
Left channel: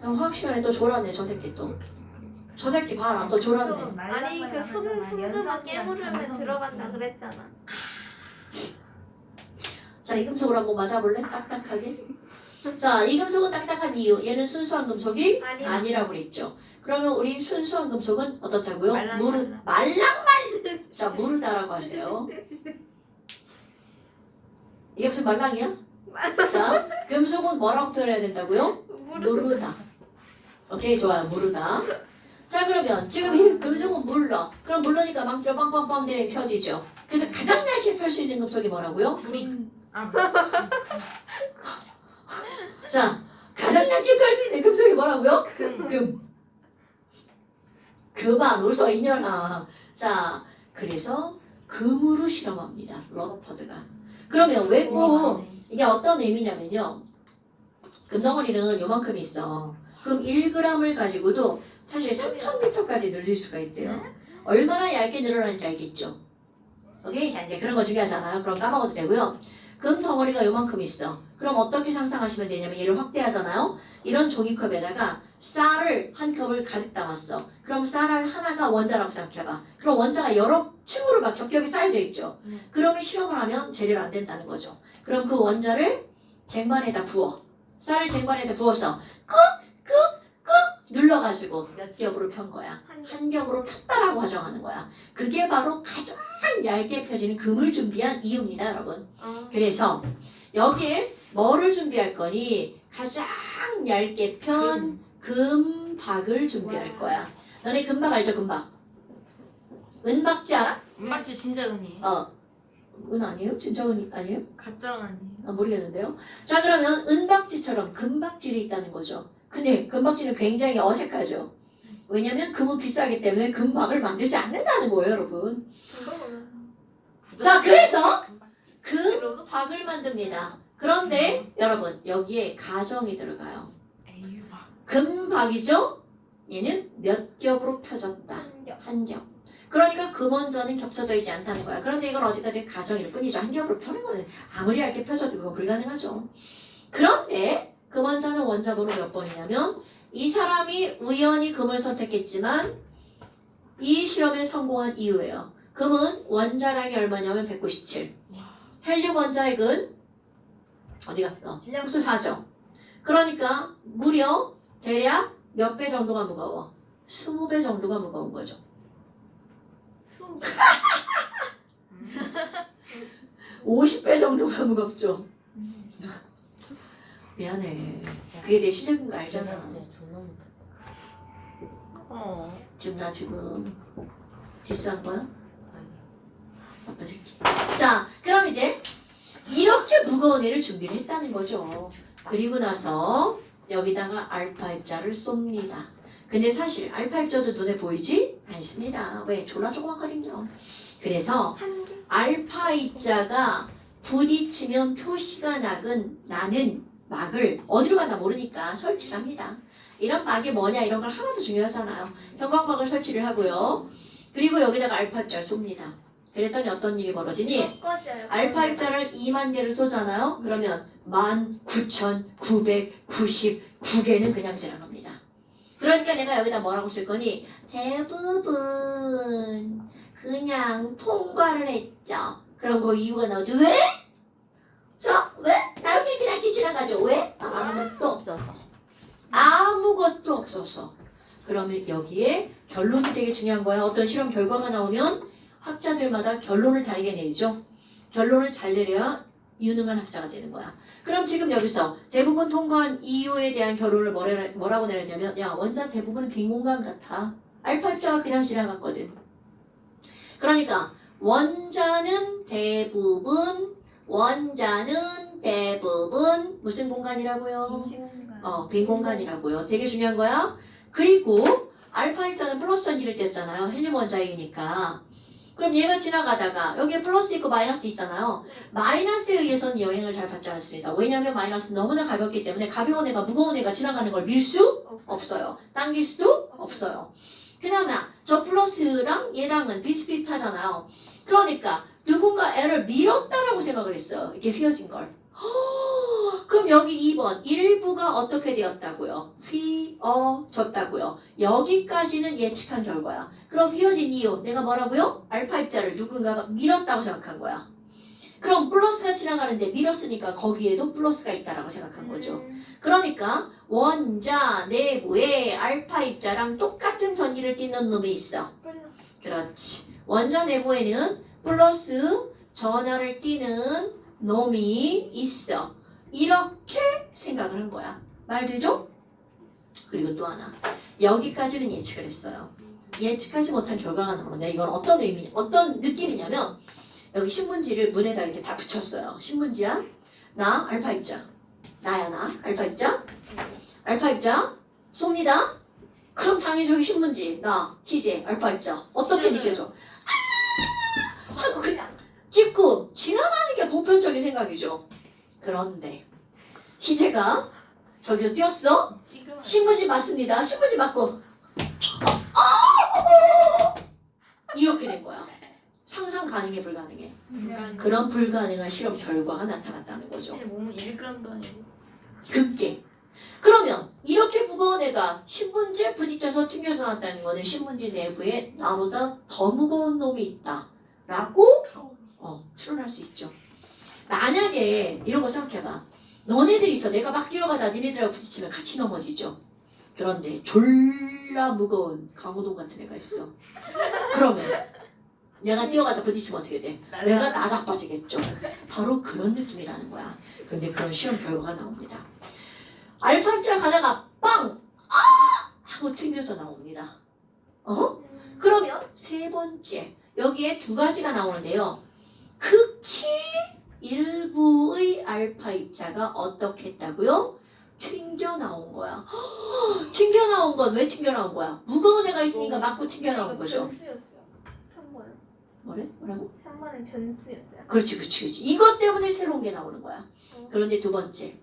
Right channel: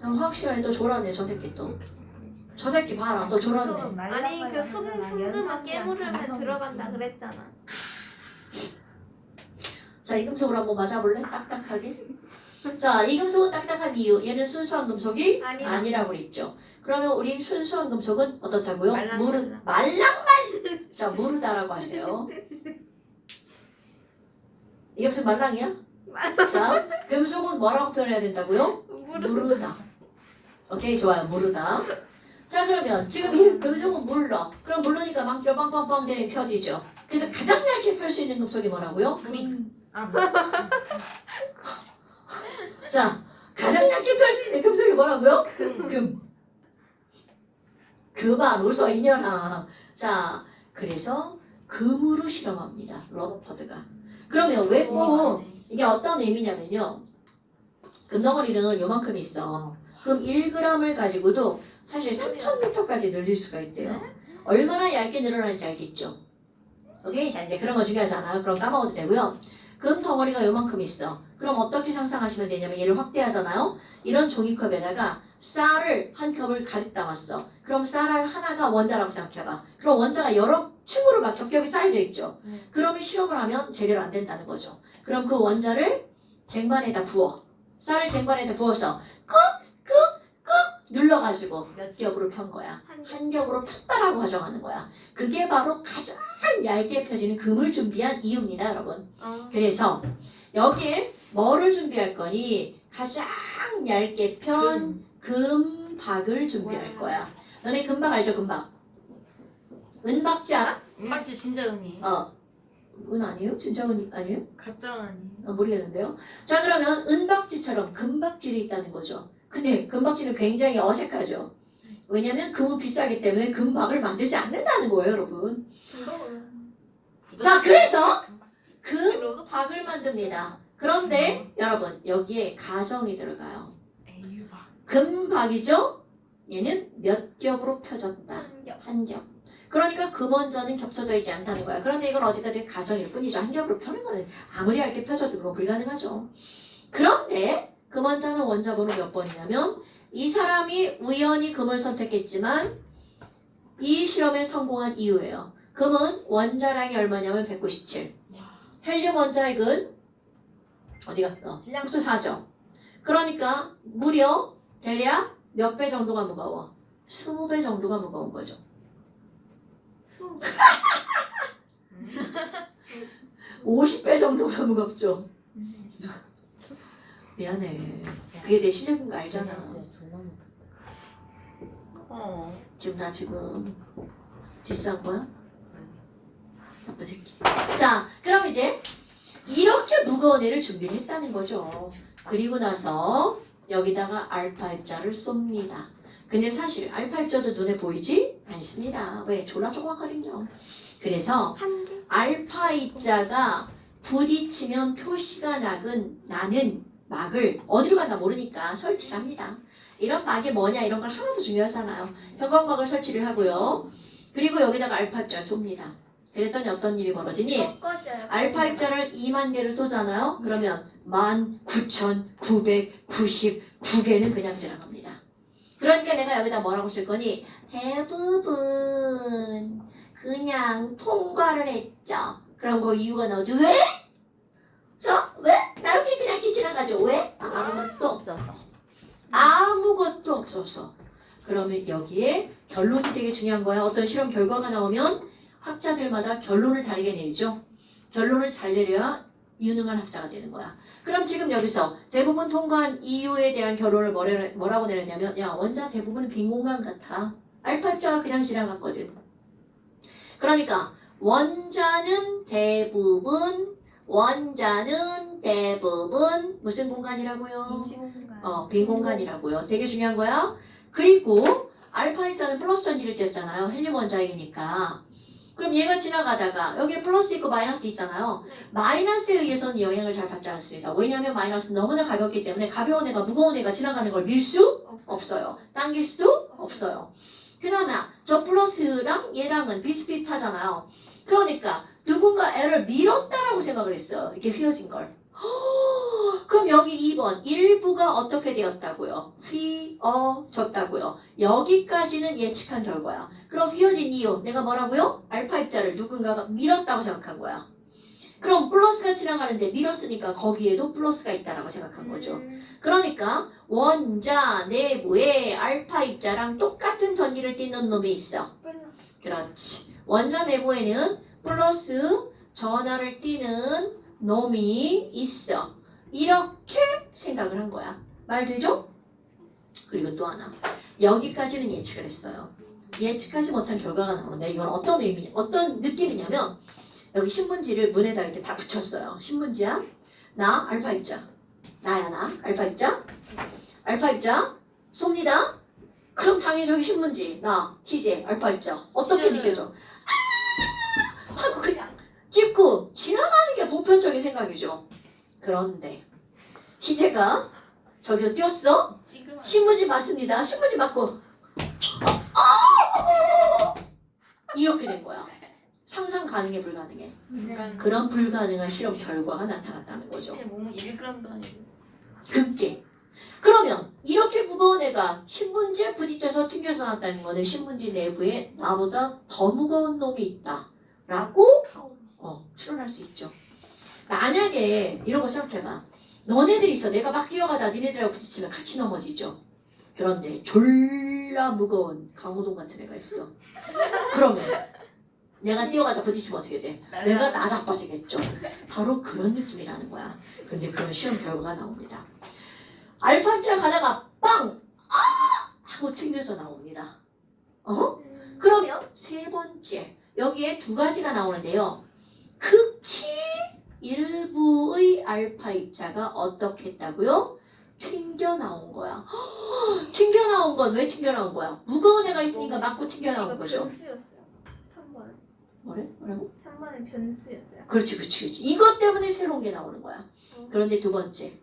화학 시간에 또 졸았네 저 새끼 또. 저 새끼 봐라 또 졸았네. 아니 그 순금은 깨물으면 들어간다 그랬잖아. 자, 이 금속을 한번 맞아볼래? 딱딱하게. 자, 이 금속은 딱딱한 이유. 얘는 순수한 금속이 아니라고 그랬죠. 그러면 우리 순수한 금속은 어떻다고요? 자, 무르다라고 하세요. 이게 무슨 말랑이야? 자, 금속은 뭐라고 표현해야 된다고요? 무르다. 오케이, 좋아요. 무르다. 자, 그러면 지금 이 금속은 물러. 그럼 물르니까 망치로 빵빵빵 내리 펴지죠. 그래서 가장 얇게 펼 수 있는 금속이 뭐라고요? 구린. 자, 가장 얇게 펼 수 있는 금속이 뭐라고요? 금. 그만 웃어 이년아. 자, 그래서 금으로 실험합니다. 러더퍼드가. 그러면 왜 꼭 이게 어떤 의미냐면요. 금덩어리는 요만큼 있어. 그럼 1g을 가지고도 사실 3000m까지 늘릴 수가 있대요. 얼마나 얇게 늘어나는지 알겠죠? 오케이? 자, 이제 그런 거 중요하잖아. 그럼 까먹어도 되고요. 금 덩어리가 요만큼 있어. 그럼 어떻게 상상하시면 되냐면 얘를 확대하잖아요. 이런 종이컵에다가 쌀을 한 컵을 가득 담았어. 그럼 쌀알 하나가 원자라고 생각해봐. 그럼 원자가 여러 층으로 막 겹겹이 쌓여져 있죠. 그러면 실험을 하면 제대로 안 된다는 거죠. 그럼 그 원자를 쟁반에다 부어. 쌀을 쟁반에다 부어서 꾹꾹꾹 눌러가지고 몇 겹으로 편 거야. 한 겹으로 폈다라고 가정하는 거야. 그게 바로 가장 얇게 펴지는 금을 준비한 이유입니다, 여러분. 그래서 여기에 뭐를 준비할 거니? 가장 얇게 편 금박을 준비할 거야. 너네 금박 알죠? 금박. 은박지 알아? 맞지 진짜 은이에요. 은 아니에요? 진짜 은 아니에요? 가짜 은 아니에요. 모르겠는데요. 자, 그러면 은박지처럼 금박질이 있다는 거죠. 근데 금박지는 굉장히 어색하죠. 왜냐면 금은 비싸기 때문에 금박을 만들지 않는다는 거예요, 여러분. 자, 그래서 금박을 만듭니다. 그런데 여러분 여기에 가정이 들어가요. 에유박. 금박이죠? 얘는 몇 겹으로 펴졌다. 한 겹. 그러니까 금원자는 겹쳐져 있지 않다는 거야. 그런데 이건 어디까지 가정일 뿐이죠. 한 겹으로 펴는 거는 아무리 얇게 펴져도 그건 불가능하죠. 그런데 금원자는 원자번호 몇 번이냐면 이 사람이 우연히 금을 선택했지만 이 실험에 성공한 이유예요. 금은 원자량이 얼마냐면 197. 헬륨 원자핵은 어디 갔어? 질량수 4죠. 그러니까 무려 대략 몇 배 정도가 무거워? 20배 정도가 무거운 거죠. 50배 정도가 무겁죠. 미안해. 그게 내 실력인 거 알잖아. 지금 나 지금 디스한 거야? 나쁜 새끼. 자, 그럼 이제 이렇게 무거운 애를 준비를 했다는 거죠. 그리고 나서 여기다가 알파 입자를 쏩니다. 근데 사실 알파 입자도 눈에 보이지 않습니다. 왜? 졸라 조그맣거든요. 그래서 알파 입자가 부딪히면 표시가 나는 막을 어디로 갔나 모르니까 설치를 합니다. 이런 막이 뭐냐 이런 걸 하나도 중요하지 않아요. 형광막을 설치를 하고요. 그리고 여기다가 알파 입자를 쏩니다. 그랬더니 어떤 일이 벌어지니? 꺼져요. 알파 입자를 2만 개를 쏘잖아요. 그러면 19,999개는 그냥 지나갑니다. 그러니까 내가 여기다 뭐라고 쓸 거니? 대부분 그냥 통과를 했죠. 그럼 그 이유가 나오죠. 왜? 왜? 나 여기 그냥 이렇게 지나가죠. 왜? 아무것도 없어서. 아무것도 없어서. 그러면 여기에 결론이 되게 중요한 거야. 어떤 실험 결과가 나오면 학자들마다 결론을 다르게 내리죠. 결론을 잘 내려야 유능한 학자가 되는 거야. 그럼 지금 여기서 대부분 통과한 이유에 대한 결론을 뭐라고 내렸냐면 야 원자 대부분은 빈 공간 같아. 알파 입자가 그냥 지나갔거든. 그러니까 원자는 대부분 무슨 공간이라고요? 빈 공간이라고요. 되게 중요한 거야. 그리고 알파 입자는 플러스 전지를 띄었잖아요. 헬륨 원자이니까. 그럼 얘가 지나가다가 여기에 플러스 있고 마이너스 있잖아요. 마이너스에 의해서는 영향을 잘 받지 않습니다. 왜냐하면 마이너스는 너무나 가볍기 때문에 가벼운 애가 무거운 애가 지나가는 걸 밀 수 없어요. 당길 수도 없어요. 그나마 저 플러스랑 얘랑은 비슷비슷하잖아요. 그러니까 누군가 애를 밀었다라고 생각을 했어요. 이렇게 휘어진 걸. 그럼 여기 2번 일부가 어떻게 되었다고요? 휘어졌다고요. 여기까지는 예측한 결과야. 그럼 휘어진 이유 내가 뭐라고요? 알파 입자를 누군가가 밀었다고 생각한 거야. 그럼 플러스가 지나가는데 밀었으니까 거기에도 플러스가 있다라고 생각한 거죠. 그러니까 원자 내부에 알파 입자랑 똑같은 전기를 띠는 놈이 있어. 그렇지. 원자 내부에는 플러스 전하를 띠는 놈이 있어. 이렇게 생각을 한 거야. 말 되죠? 그리고 또 하나. 여기까지는 예측을 했어요. 예측하지 못한 결과가 나오는데 이건 어떤 느낌이냐면 여기 신문지를 문에다 이렇게 다 붙였어요. 신문지야. 나 알파 입자. 나야 나 알파 입자. 알파 입자 쏩니다. 그럼 당연히 저기 신문지 나 희재 알파 입자 어떻게 느껴져? 하고 그냥 찍고 지나가는 게 보편적인 생각이죠. 그런데 희재가 저기서 뛰었어? 지금 신문지 맞습니다. 신문지 맞고 이렇게 된 거야. 상상 가능해 불가능해. 그런 불가능한 실험 결과가 나타났다는 거죠. 제 몸은 1g도 아니고. 그게 그러면 이렇게 무거운 애가 신문지에 부딪혀서 튕겨서 나왔다는 거는 신문지 내부에 나보다 더 무거운 놈이 있다라고 추론할 수 있죠. 만약에 이런 거 생각해봐. 너네들이 있어. 내가 막 뛰어가다 니네들하고 부딪히면 같이 넘어지죠. 그런데 졸라 무거운 강호동 같은 애가 있어. 그러면 내가 뛰어가다 부딪히면 어떻게 돼? 내가 나자빠지겠죠. 바로 그런 느낌이라는 거야. 그런데 그런 실험 결과가 나옵니다. 알파 입자가 가다가 빵! 하고 튕겨져 나옵니다. 그러면 세 번째 여기에 두 가지가 나오는데요. 극히 일부의 알파 입자가 어떻게 했다고요? 튕겨 나온 거야. 튕겨 나온 건 왜 튕겨 나온 거야? 무거운 애가 있으니까 맞고 튕겨 나온 거죠. 변수였어요. 3번은. 뭐라고? 3번은 변수였어요. 그렇지. 이것 때문에 새로운 게 나오는 거야. 그런데 두 번째,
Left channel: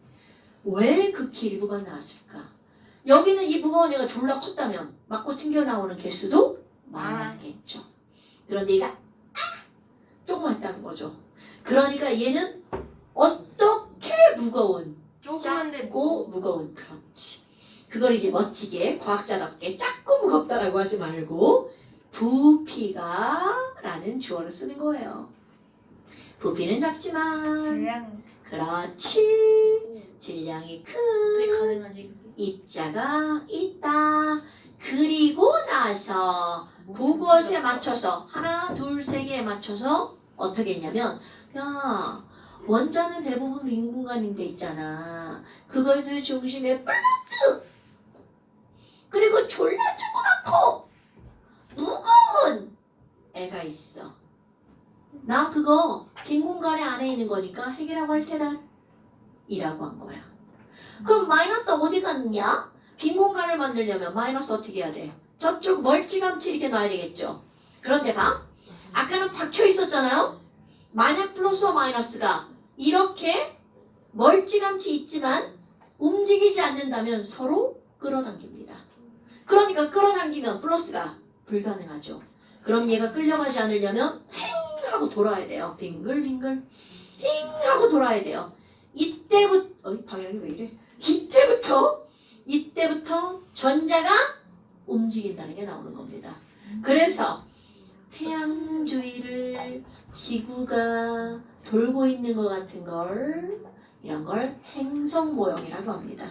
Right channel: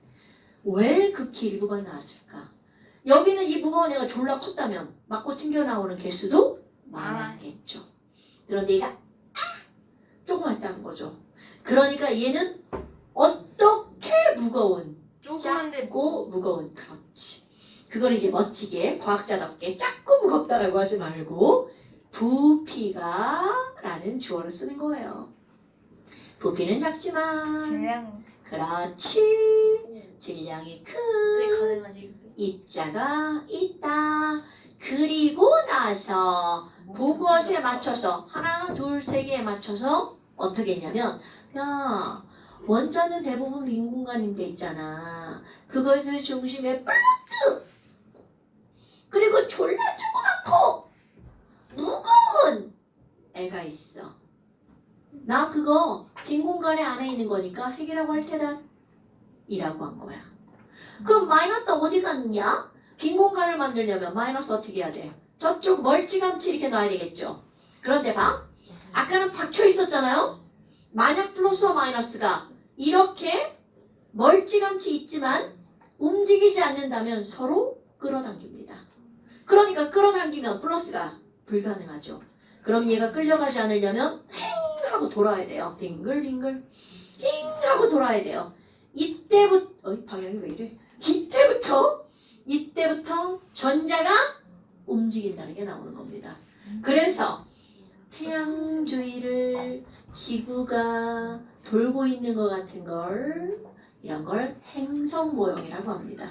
왜 극히 일부만 나왔을까? 여기는 이 무거운 애가 졸라 컸다면 맞고 튕겨 나오는 개수도 많았겠죠. 그런데 얘가 조그맣다는 거죠. 그러니까 얘는 어떻게 무거운? 조그만데 작고 무거운. 그렇지. 그걸 이제 멋지게 과학자답게 작고 무겁다라고 하지 말고 부피가라는 주어를 쓰는 거예요. 부피는 작지만 질량은 그렇지. 질량이 큰 어떻게 가능하지? 입자가 있다. 그리고 나서 그것에 맞춰서 하나, 둘, 세 개에 맞춰서 어떻게 했냐면 야 원자는 대부분 빈 공간인데 있잖아. 그것을 중심에 플러스 그리고 졸라 조그맣고 무거운 애가 있어. 나 그거 빈 공간에 안에 있는 거니까 핵이라고 할 테다. 이라고 한 거야. 그럼 마이너스 어디 갔냐? 빈 공간을 만들려면 마이너스 어떻게 해야 돼? 저쪽 멀찌감치 이렇게 놔야 되겠죠. 그런데 봐. 아까는 박혀 있었잖아요. 만약 플러스와 마이너스가 이렇게 멀찌감치 있지만 움직이지 않는다면 서로 끌어당깁니다. 그러니까 끌어당기면 플러스가 불가능하죠. 그럼 얘가 끌려가지 않으려면 행 하고 돌아야 돼요. 빙글빙글 행 하고 돌아야 돼요. 이때부터 방향이 왜 이래? 이때부터 전자가 움직인다는 게 나오는 겁니다. 그래서 태양 주위를 지구가 돌고 있는 것 같은 걸 이런 걸 행성 모형이라고 합니다.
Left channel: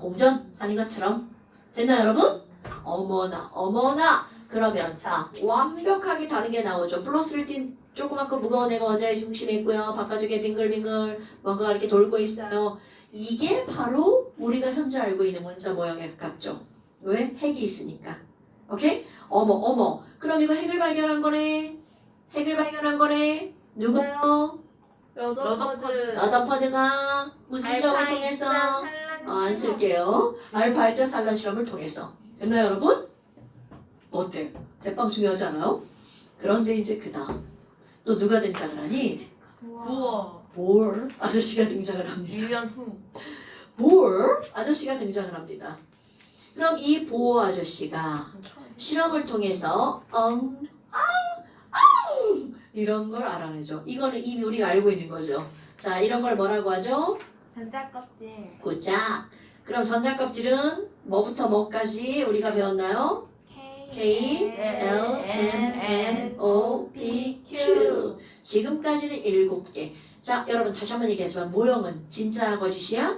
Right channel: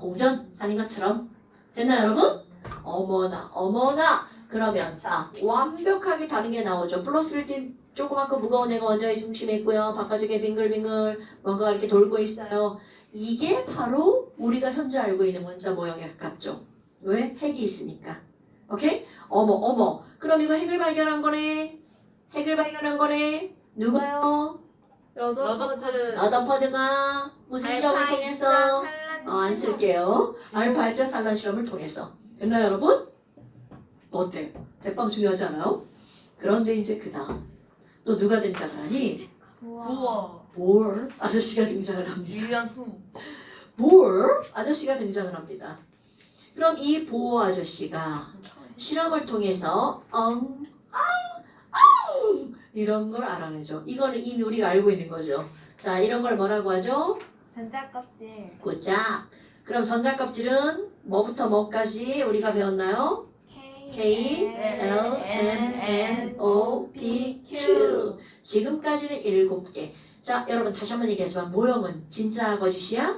공전 하는 것처럼 됐나요, 여러분? 어머나. 그러면 자 완벽하게 다른 게 나오죠. 플러스를 띈 조그맣고 무거운 애가 원자의 중심에 있고요. 바깥쪽에 빙글빙글 뭔가 이렇게 돌고 있어요. 이게 바로 우리가 현재 알고 있는 원자 모형에 가깝죠. 왜? 핵이 있으니까. 오케이? 어머. 그럼 이거 핵을 발견한 거네. 누가요? 러더퍼드가 무슨 실험을 통해서? 안 쓸게요. 알파이자 산란 실험을 통해서. 됐나요, 여러분? 어때? 대빵 중요하지 않아요? 그런데 이제 그 다음 또 누가 등장을 하니? 우와. 볼 아저씨가 등장을 합니다. 1년 후. 볼 아저씨가 등장을 합니다. 그럼 이 보호 아저씨가 실험을 통해서 이런 걸 알아내죠. 이거는 이미 우리가 알고 있는 거죠. 자, 이런 걸 뭐라고 하죠? 전자껍질. 굿자. 그럼 전자껍질은 뭐부터 뭐까지 우리가 배웠나요? K, L, M, N, O, P, Q. 지금까지는 7개. 자, 여러분 다시 한번 얘기하지만 모형은 진짜 거짓이야?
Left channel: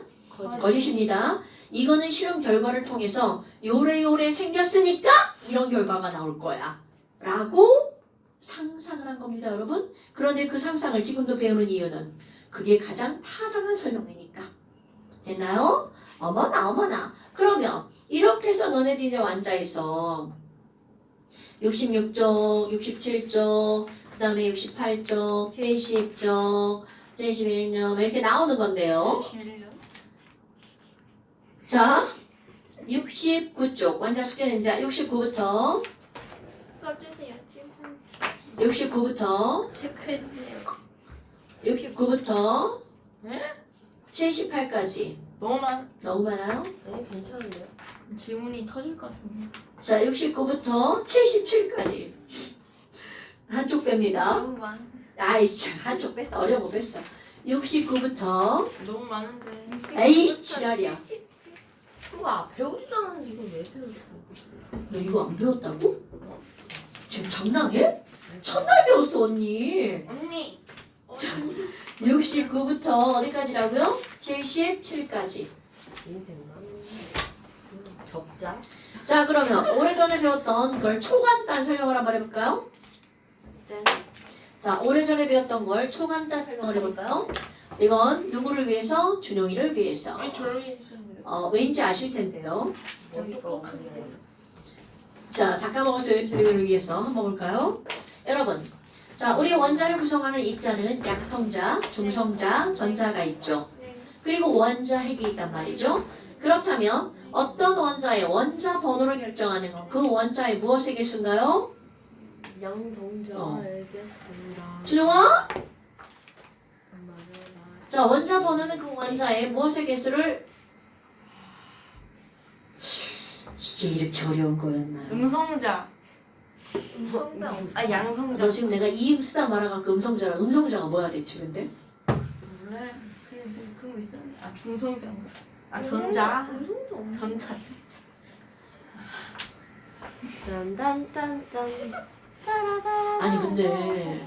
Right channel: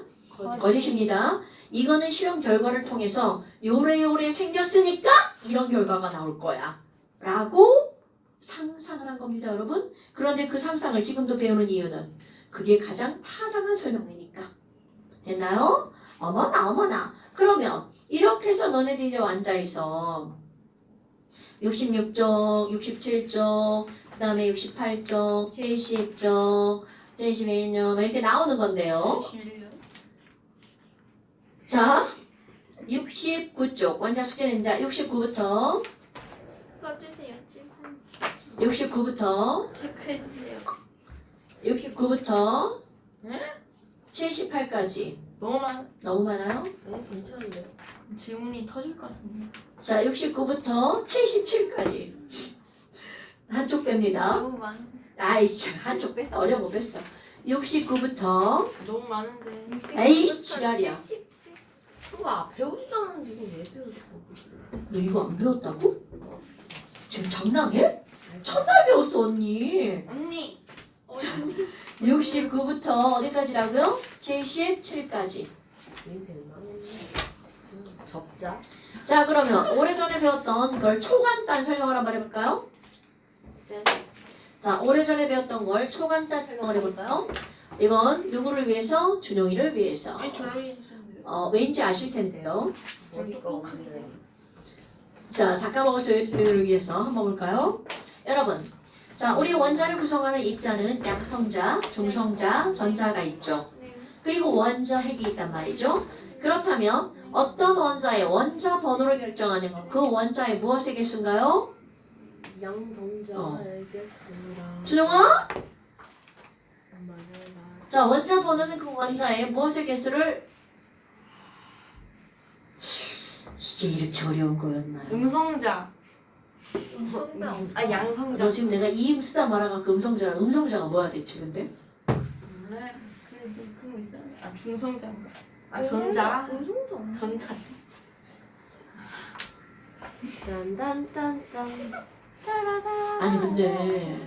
거짓입니다. 이거는 실험 결과를 통해서 요래요래 생겼으니까 이런 결과가 나올 거야. 라고 상상을 한 겁니다, 여러분. 그런데 그 상상을 지금도 배우는 이유는 그게 가장 타당한 설명이니까. 됐나요? 어머나. 그러면 이렇게 해서 너네들이 이제 완자에서 66쪽, 67쪽, 그 다음에 68쪽, 70쪽, 71쪽 이렇게 나오는 건데요. 71년. 자, 69쪽 원자 숙제입니다. 69부터 써주세요. 69부터 체크해주세요. 69부터 네? 78까지 너무 많아요? 네, 괜찮은데요? 질문이 터질 것 같은데. 자, 69부터 77까지 한쪽 뺍니다. 너무 많. 아이씨, 한쪽 뺐어. 어려운 거 뺐어. 69부터 너무 많은데. 에이, 지랄이야. 77. 우와, 배우지도 않았는데 이거 왜 배우고? 너 이거 안 배웠다고? 지금 장난해? 첫날 배웠어, 언니. 언니. 69부터 어디까지라고요? 77까지. 인생 많은 적자. 자, 그러면 오래전에 배웠던 걸 초간단 설명을 한번 해볼까요? 자, 오래전에 배웠던 걸 초간단 설명을 해볼까요? 이건 누구를 위해서? 준용이를 위해서. 아니 저러기 왠지 아실 텐데요. 똑똑하게. 자, 다 까먹었어요. 준용이를 위해서 한번 볼까요? 여러분, 자, 우리 원자를 구성하는 입자는 양성자, 중성자, 전자가 있죠. 그리고 원자 핵이 있단 말이죠. 그렇다면 어떤 원자의 원자 번호를 결정하는 건 그 원자의 무엇의 개수인가요? 양성자의 개수랑. 준용아? 자, 원자 번호는 그 원자의 무엇의 개수를 이게 이렇게 어려운 거였나요? 음성자. 아 양성자. 너 지금 내가 이 쓰다 말아갖고 음성자가 뭐야 대체 근데? 몰라. 근데 뭐 그런 거 있어요? 아 중성자인가? 아 전자. 전자. 아니 근데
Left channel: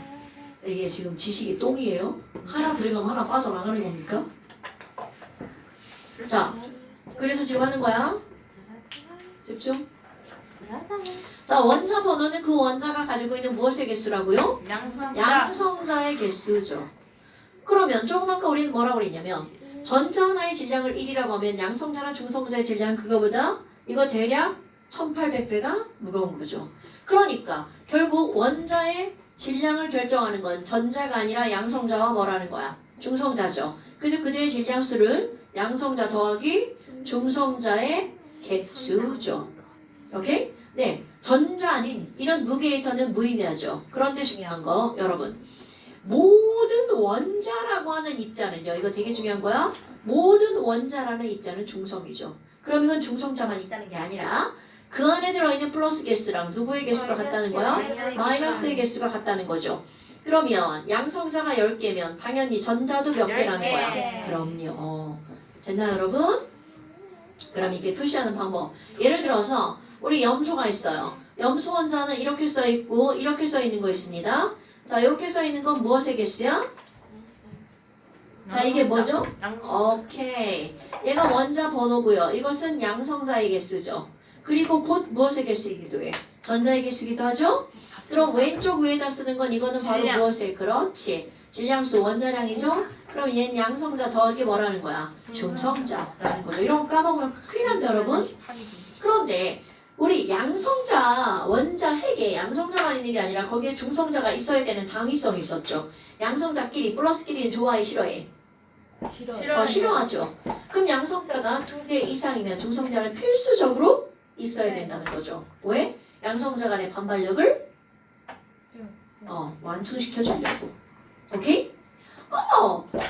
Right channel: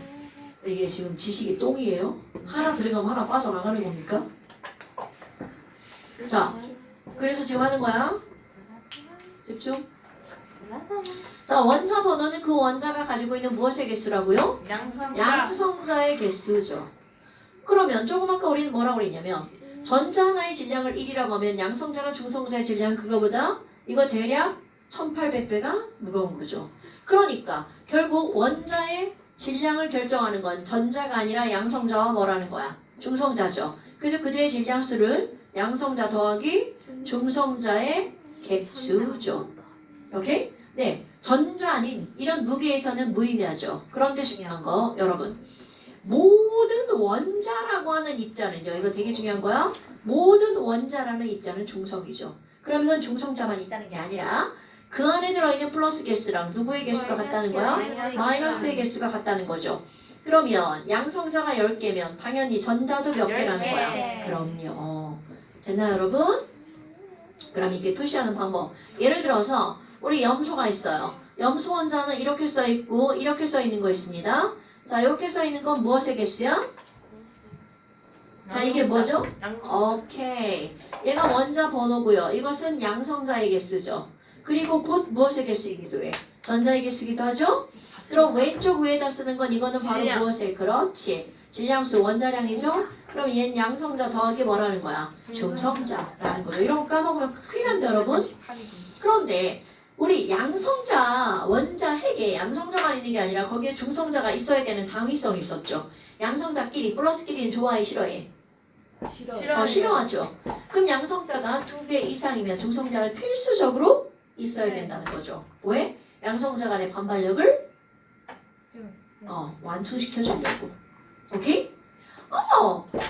이게 지금 지식이 똥이에요? 하나 들어가면 하나 빠져나가는 겁니까? 자, 그래서 지금 하는 거야. 집중. 자, 원자 번호는 그 원자가 가지고 있는 무엇의 개수라고요? 양성자. 양성자의 개수죠. 그러면 조금 아까 우리는 뭐라고 그랬냐면 전자 하나의 질량을 1이라고 하면 양성자나 중성자의 질량 그거보다 이거 대략 1800배가 무거운 거죠. 그러니까 결국 원자의 질량을 결정하는 건 전자가 아니라 양성자와 뭐라는 거야? 중성자죠. 그래서 그들의 질량수를 양성자 더하기 중성자의 개수죠. 오케이? 네. 전자 아닌 이런 무게에서는 무의미하죠. 그런데 중요한 거 여러분 모든 원자라고 하는 입자는요. 이거 되게 중요한 거야. 모든 원자라는 입자는 중성이죠. 그럼 이건 중성자만 있다는 게 아니라 그 안에 들어있는 플러스 개수랑 누구의 개수가 같다는 거야? 마이너스의 개수가 같다는 거죠. 그러면 양성자가 10개면 당연히 전자도 몇 개라는 거야? 10개. 그럼요. 됐나요, 여러분? 그럼 이게 표시하는 방법. 예를 들어서 우리 염소가 있어요. 염소 원자는 이렇게 써 있고 이렇게 써 있는 거 있습니다. 자, 이렇게 써 있는 건 무엇의 개수야? 자, 이게 뭐죠? 오케이. 얘가 원자 번호고요. 이것은 양성자의 개수죠. 그리고 곧 무엇의 개수이기도 해? 전자의 개수이기도 하죠? 그럼 왼쪽 위에다 쓰는 건 이거는 바로 질량. 무엇의? 그렇지. 질량수 원자량이죠? 그럼 얘는 양성자 더하기 뭐라는 거야? 중성자라는 거죠. 이런 거 까먹으면 큰일 납니다, 여러분. 그런데 우리 양성자 원자 핵에 양성자만 있는 게 아니라 거기에 중성자가 있어야 되는 당위성이 있었죠. 양성자끼리 플러스끼리는 좋아해 싫어해? 더 싫어하죠. 그럼 양성자가 2개 이상이면 중성자는 필수적으로 있어야 된다는 거죠. 왜? 양성자 간의 반발력을 완충시켜 주려고. 오케이?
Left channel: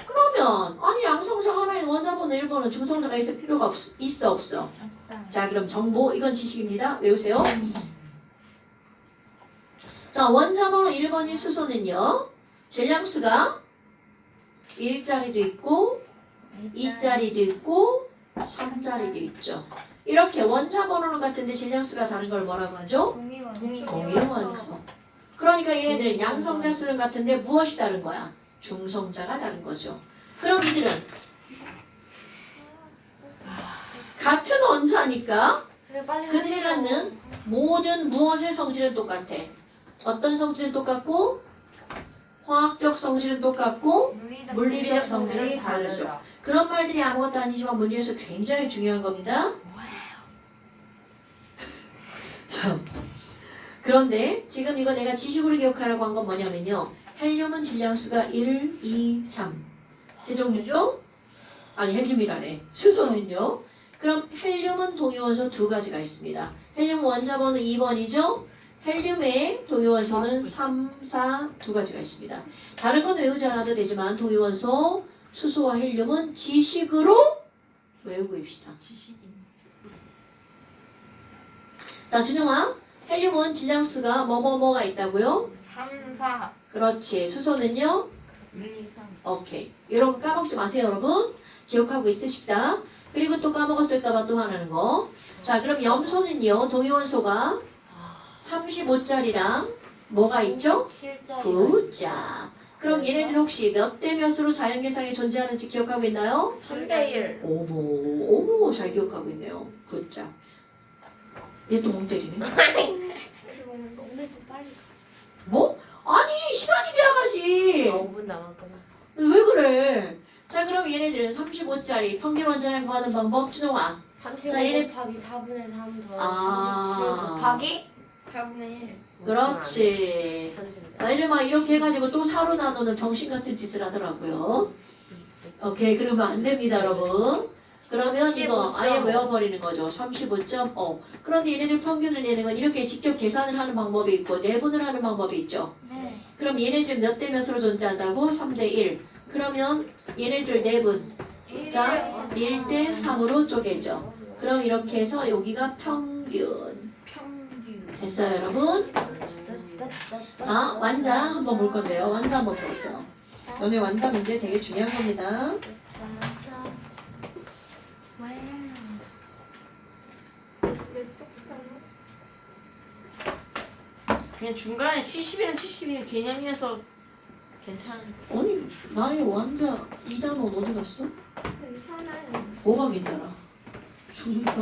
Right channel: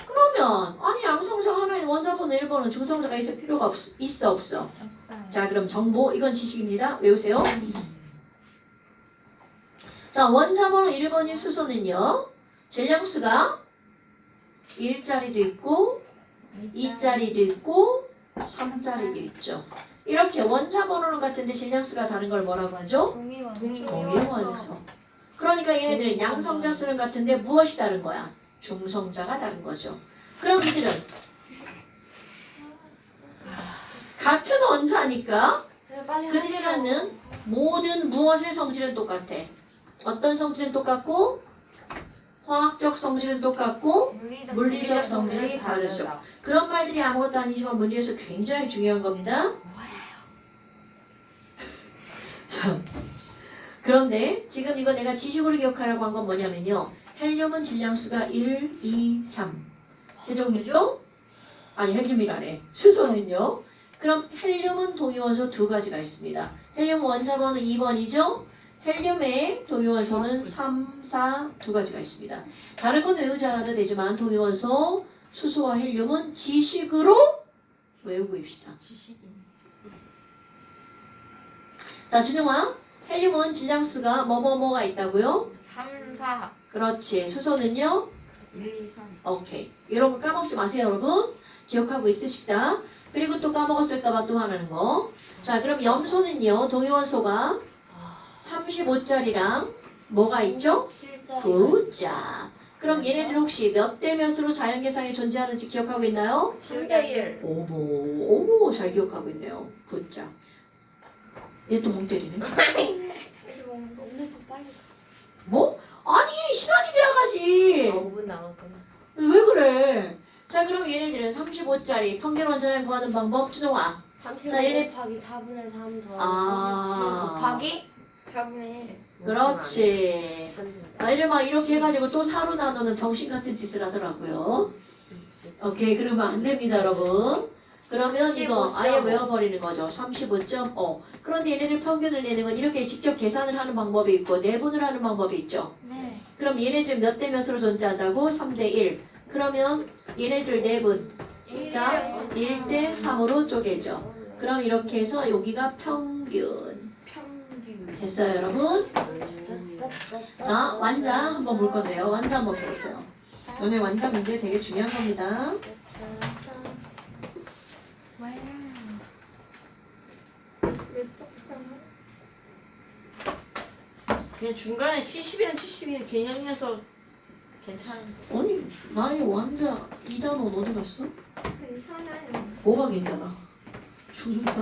그러면 아니 양성자 하나인 원자번호 1번은 중성자가 있을 필요가 있어 없어? 없어요. 자, 그럼 정보 이건 지식입니다. 외우세요. 자, 원자번호 1번인 수소는요. 질량수가 1짜리도 있고 2짜리도 있고 3짜리도 있죠. 이렇게 원자번호는 같은데 질량수가 다른 걸 뭐라고 하죠? 동위원소. 그러니까 얘네들은 양성자 수는 같은데 무엇이 다른 거야? 중성자가 다른 거죠. 그럼 이들은 같은 원자니까 그들이 갖는 모든 무엇의 성질은 똑같아. 어떤 성질은 똑같고 화학적 성질은 똑같고 물리적 성질이 다르죠. 그런 말들이 아무것도 아니지만 문제에서 굉장히 중요한 겁니다. 자, 그런데 지금 이거 내가 지식으로 기억하라고 한 건 뭐냐면요. 헬륨은 질량수가 1, 2, 3 세 종류죠? 아니 헬륨이라네. 수소는요. 그럼 헬륨은 동위원소 두 가지가 있습니다. 헬륨 원자번호 2번이죠. 헬륨의 동위원소는 3, 4 두 가지가 있습니다. 다른 건 외우지 않아도 되지만 동위원소 수소와 헬륨은 지식으로 외우고 입시다. 자, 준영아. 헬륨은 질량수가 뭐뭐뭐가 있다고요? 3, 4, 그렇지. 수소는요? 1, 2, 3. 오케이. 이런 거 까먹지 마세요, 여러분. 기억하고 있으십다. 그리고 또 까먹었을까봐 또 하나는 거. 자, 그럼 염소는요, 동위원소가 35짜리랑 뭐가 있죠? 9자. 그럼 얘네들 혹시 몇 대 몇으로 자연계상에 존재하는지 기억하고 있나요? 3대1. 어머, 잘 기억하고 있네요. 9자. 얘 또 멍 때리네. 뭐? 아니, 시간이 돼야지. 5분 남았구나. 왜 그래? 자, 그럼 얘네들은 35짜리 평균 원자량 구하는 방법 준영아. 35 자, 얘네- 곱하기 4분의 3 더하기 아. 37 곱하기 4분의 1. 그렇지. 천진다. 얘를 막 이렇게 해가지고 또 사로 나누는 병신 같은 짓을 하더라고요. 오케이, 그러면 안 됩니다, 여러분. 그러면 이거 아예 15.5. 외워버리는 거죠. 35.5. 그런데 얘네들 평균을 내는 건 이렇게 직접 계산을 하는 방법이 있고 내분을 하는 방법이 있죠. 네. 그럼 얘네들 몇 대 몇으로 존재한다고? 3대 1. 그러면 얘네들 내분. 자, 1대 3으로 쪼개죠. 그럼 이렇게 해서 여기가 평균. 평균. 됐어요, 여러분? 자, 완자 한번 볼 건데요. 완자 한번 보세요. 오늘 완자 문제 되게 중요한 겁니다. 그냥 중간에 70이랑 71 개념이어서 괜찮은 거. 아니, 나의 완자 2단원 어디 갔어? 괜찮은. 뭐가 괜찮아? 죽는다.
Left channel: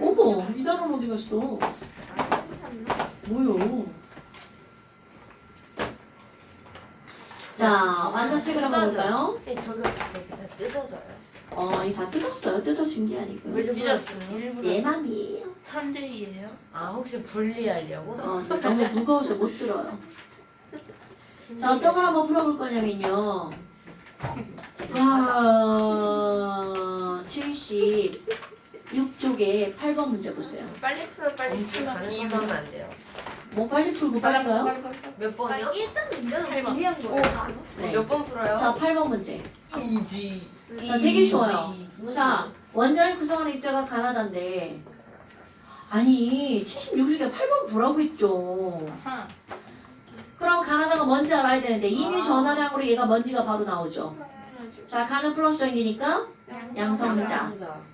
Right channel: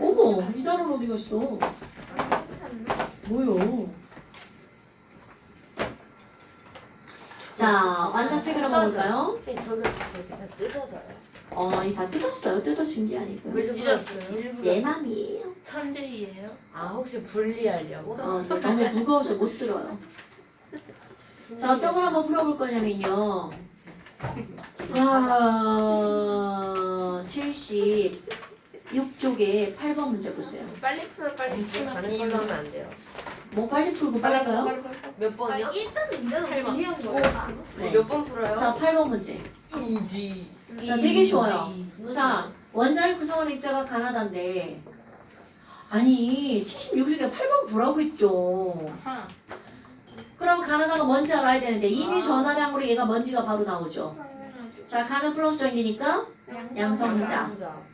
어머, 2단원 어디 갔어? 뭐요? 자, 완자책을 한번 볼까요? 저거 진짜 다 뜯어져요. 이 다 뜯었어요. 뜯어진 게 아니고요. 왜 찢었어요? 내 맘이에요. 천재이에요? 아 혹시 분리하려고? 너무 무거워서 못 들어요. 자, 어떤 걸 한번 풀어볼 거냐면요. 70 6쪽에 8번 문제 보세요. 빨리 풀어 빨리 풀어. 이거면 안 돼요. 뭐 빨리 풀고 빨리 가요? 몇 아 번이요? 일단은 이래도 팔번. 불리한 거야. 네. 몇 번 풀어요? 자, 8번 문제. 이지. 자, 되게 쉬워요. 자, 원자를 구성하는 입자가 가나다인데 아니 76중에 8번 보라고 했죠. 그럼 가나다가 뭔지 알아야 되는데 이미 전화량으로 얘가 먼지가 바로 나오죠. 자, 가는 플러스 전이니까 양성자.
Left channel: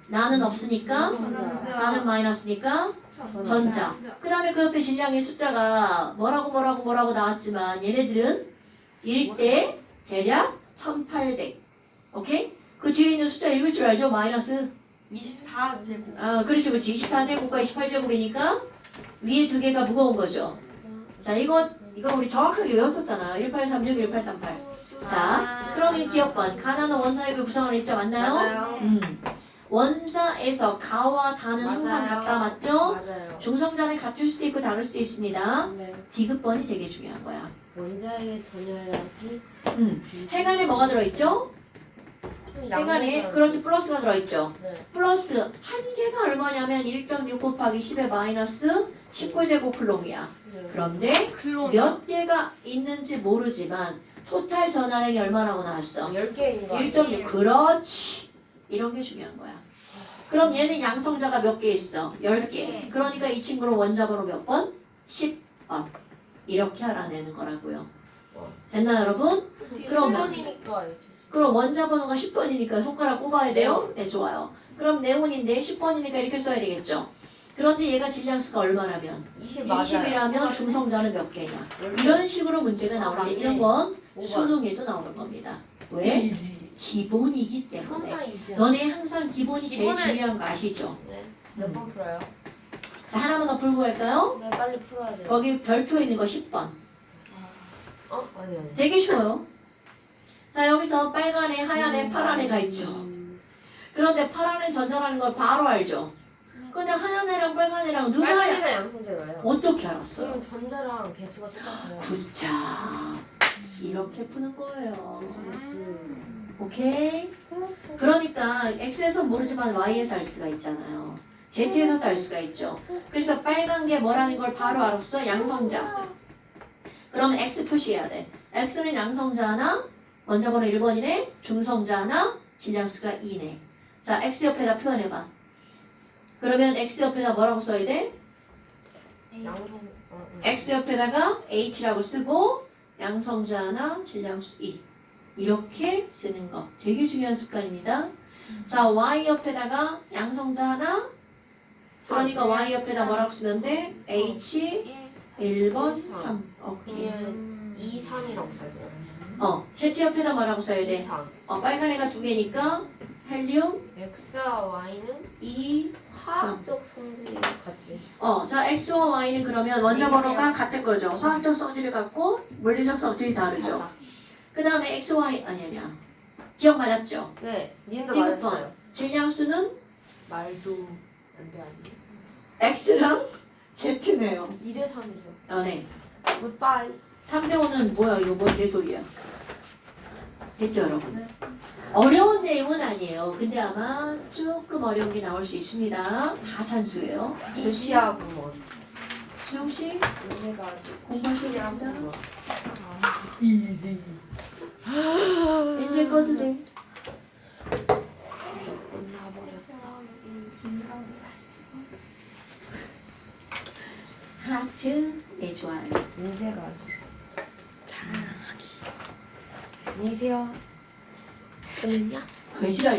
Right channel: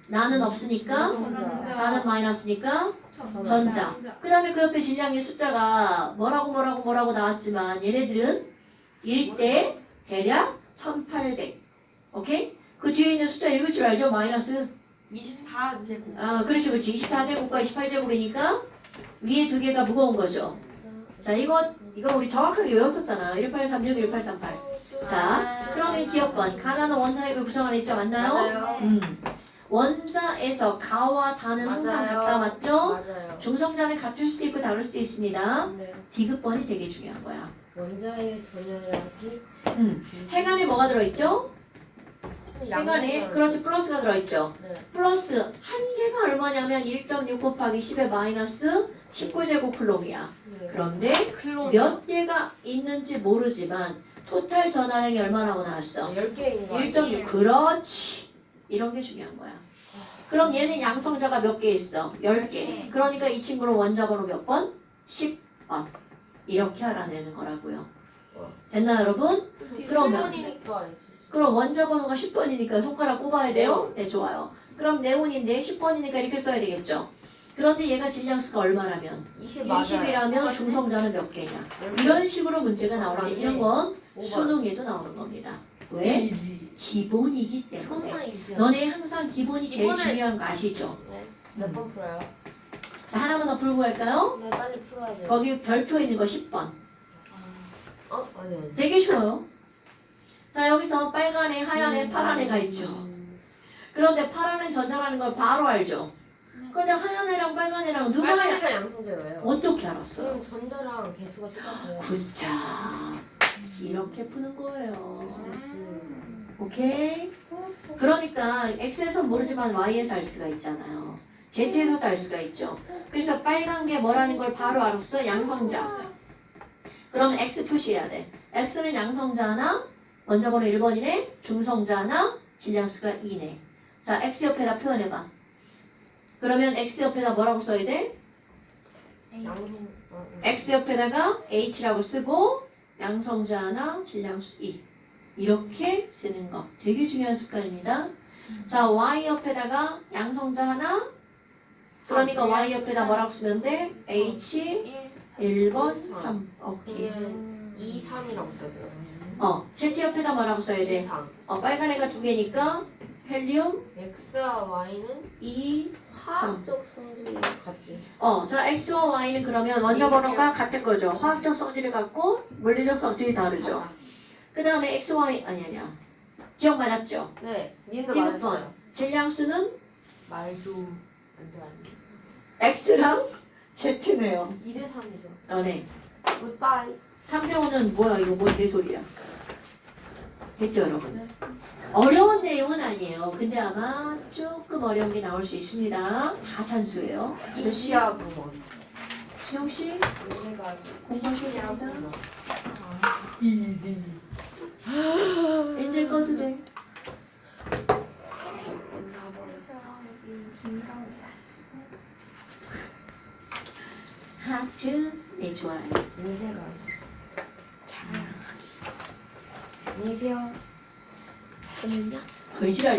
나는 없으니까 나는 마이너스니까 전자. 그 다음에 그 옆에 질량의 숫자가 뭐라고 나왔지만 얘네들은 1대 대략 1800. 오케이? 그 뒤에 있는 숫자 읽을 줄 알죠? 마이너스. 24제곱. 아, 그렇지. 24제곱과 28제곱이니까 위에 두 개가 무거운 거죠. 자, 이거 우리 정확하게 외웠었잖아. 1836, 1838. 자, 그러면 기억번. 가나는 원자핵을 구성하는 입자 맞나요? 맞아요. 원자에서 가와 다는 항상 맞아요. 같다. 맞죠? 맞아요. 중성자는 같을 수도 있고 다를 수도 있습니다. 네. 디귿번이 되게 중요한 거야. 원자의 전열량이 해간에 뭐가 들어있죠? 해간에 그렇지 플러스가 들어있죠. 네. 플러스 한 개가 얼마냐면 1.6 곱하기 10의 마이너스 19제곱 클롱이야. 네. 그런데 몇 개가 있는지 모르지만 토탈 전화량이 얼마라고 나왔어? 10개인 거 1.6. 그렇지. 이런 게 중요한 거야. 그럼 얘는 양성자가 몇 개 있어? 10개. 그러니까 이 친구는 원자번호 몇 번? 10번. 이렇게 알아내는 거라고요. 됐나 여러분? 그러면 그럼 원자번호가 10번이니까 손가락 꼽아야 돼요? 네, 좋아요. 그럼 네온인데 10번이니까 이렇게 써야 되겠죠. 그런데 얘가 질량수가 얼마라면? 20이라면 중성자는 몇 개냐? 이런 식으로 문제가 나오는데 이런 건 수능에도 나오는 겁니다. 왜? 기본이기 때문에. 너네 항상 기본이 제일 기본을- 중요한 거 아시죠? 몇 번 풀어요? 자, 하나만 더 풀고 갈까요? 네, 빨리 풀어야 돼요. 거기 별표 있는 거 10번. 아니. 되게 쉬워요. 자, 여기서 빨간애, 하얀애, 파란애가 있죠. 그런데 파란애 전자라는 걸 바로 알죠. 근데 하얀애랑 빨간애랑 누가 빨간애가 양성제예요. 어떻게 알았어요? 그럼 전자랑 개수가 똑같아요. 굿자. 이렇게 푸는 거예요. 오케이? 그러니까 X에서 모르지만 Y에서 알 수가 있잖아요. Z에서도 알 수가 있죠. 그래서 빨간 게 뭐라는 걸 바로 알았어. 양성자. 그럼 X 표시해야 돼. X는 양성자 하나, 원자번호 1번이네, 중성자 하나, 질량수가 2네. 자, X 옆에다 표현해봐. 그러면 X 옆에다 뭐라고 써야 돼? 양성. X 옆에다가 H라고 쓰고 양성자 하나, 질량수 2. 이렇게 쓰는 거 되게 중요한 습관입니다. 자, Y 옆에다가 양성자 하나, 그러니까 Y 옆에다 뭐라고 쓰면 돼? H 1번 3. 오케이. 그러면 2, 3이라고 써요. Z 옆에다 뭐라고 써야 2, 돼? 3. 빨간 애가 두 개니까 헬륨 X와 Y는 2. 화학적 성질이 같지. 자, X와 Y는 그러면 원자번호가 같은 거죠. 화학적 성질이 같고 물리적 성질이 다르죠. 그 다음에 X, Y 아니야. 기억 맞았죠? 네, 니도 디귿번. 맞았어요. 질량수는 말도 안돼 안돼. X랑 Z네요. 2대 3이죠. 네. 굿바이. 3대 5는 뭐야? 이거 뭔 개소리야? 됐죠, 여러분? 어려운 내용은 아니에요. 근데 아마 조금 어려운 게 나올 수 있습니다. 다 산수예요. 이시하고 뭐. 수영씨 얘네가 공부하시겠습니다. 뭐. 이지. 이제 꺼도 돼. 하트. 네, 좋아요. 문제가 잘하기. 안녕히 계세요. 걸지랄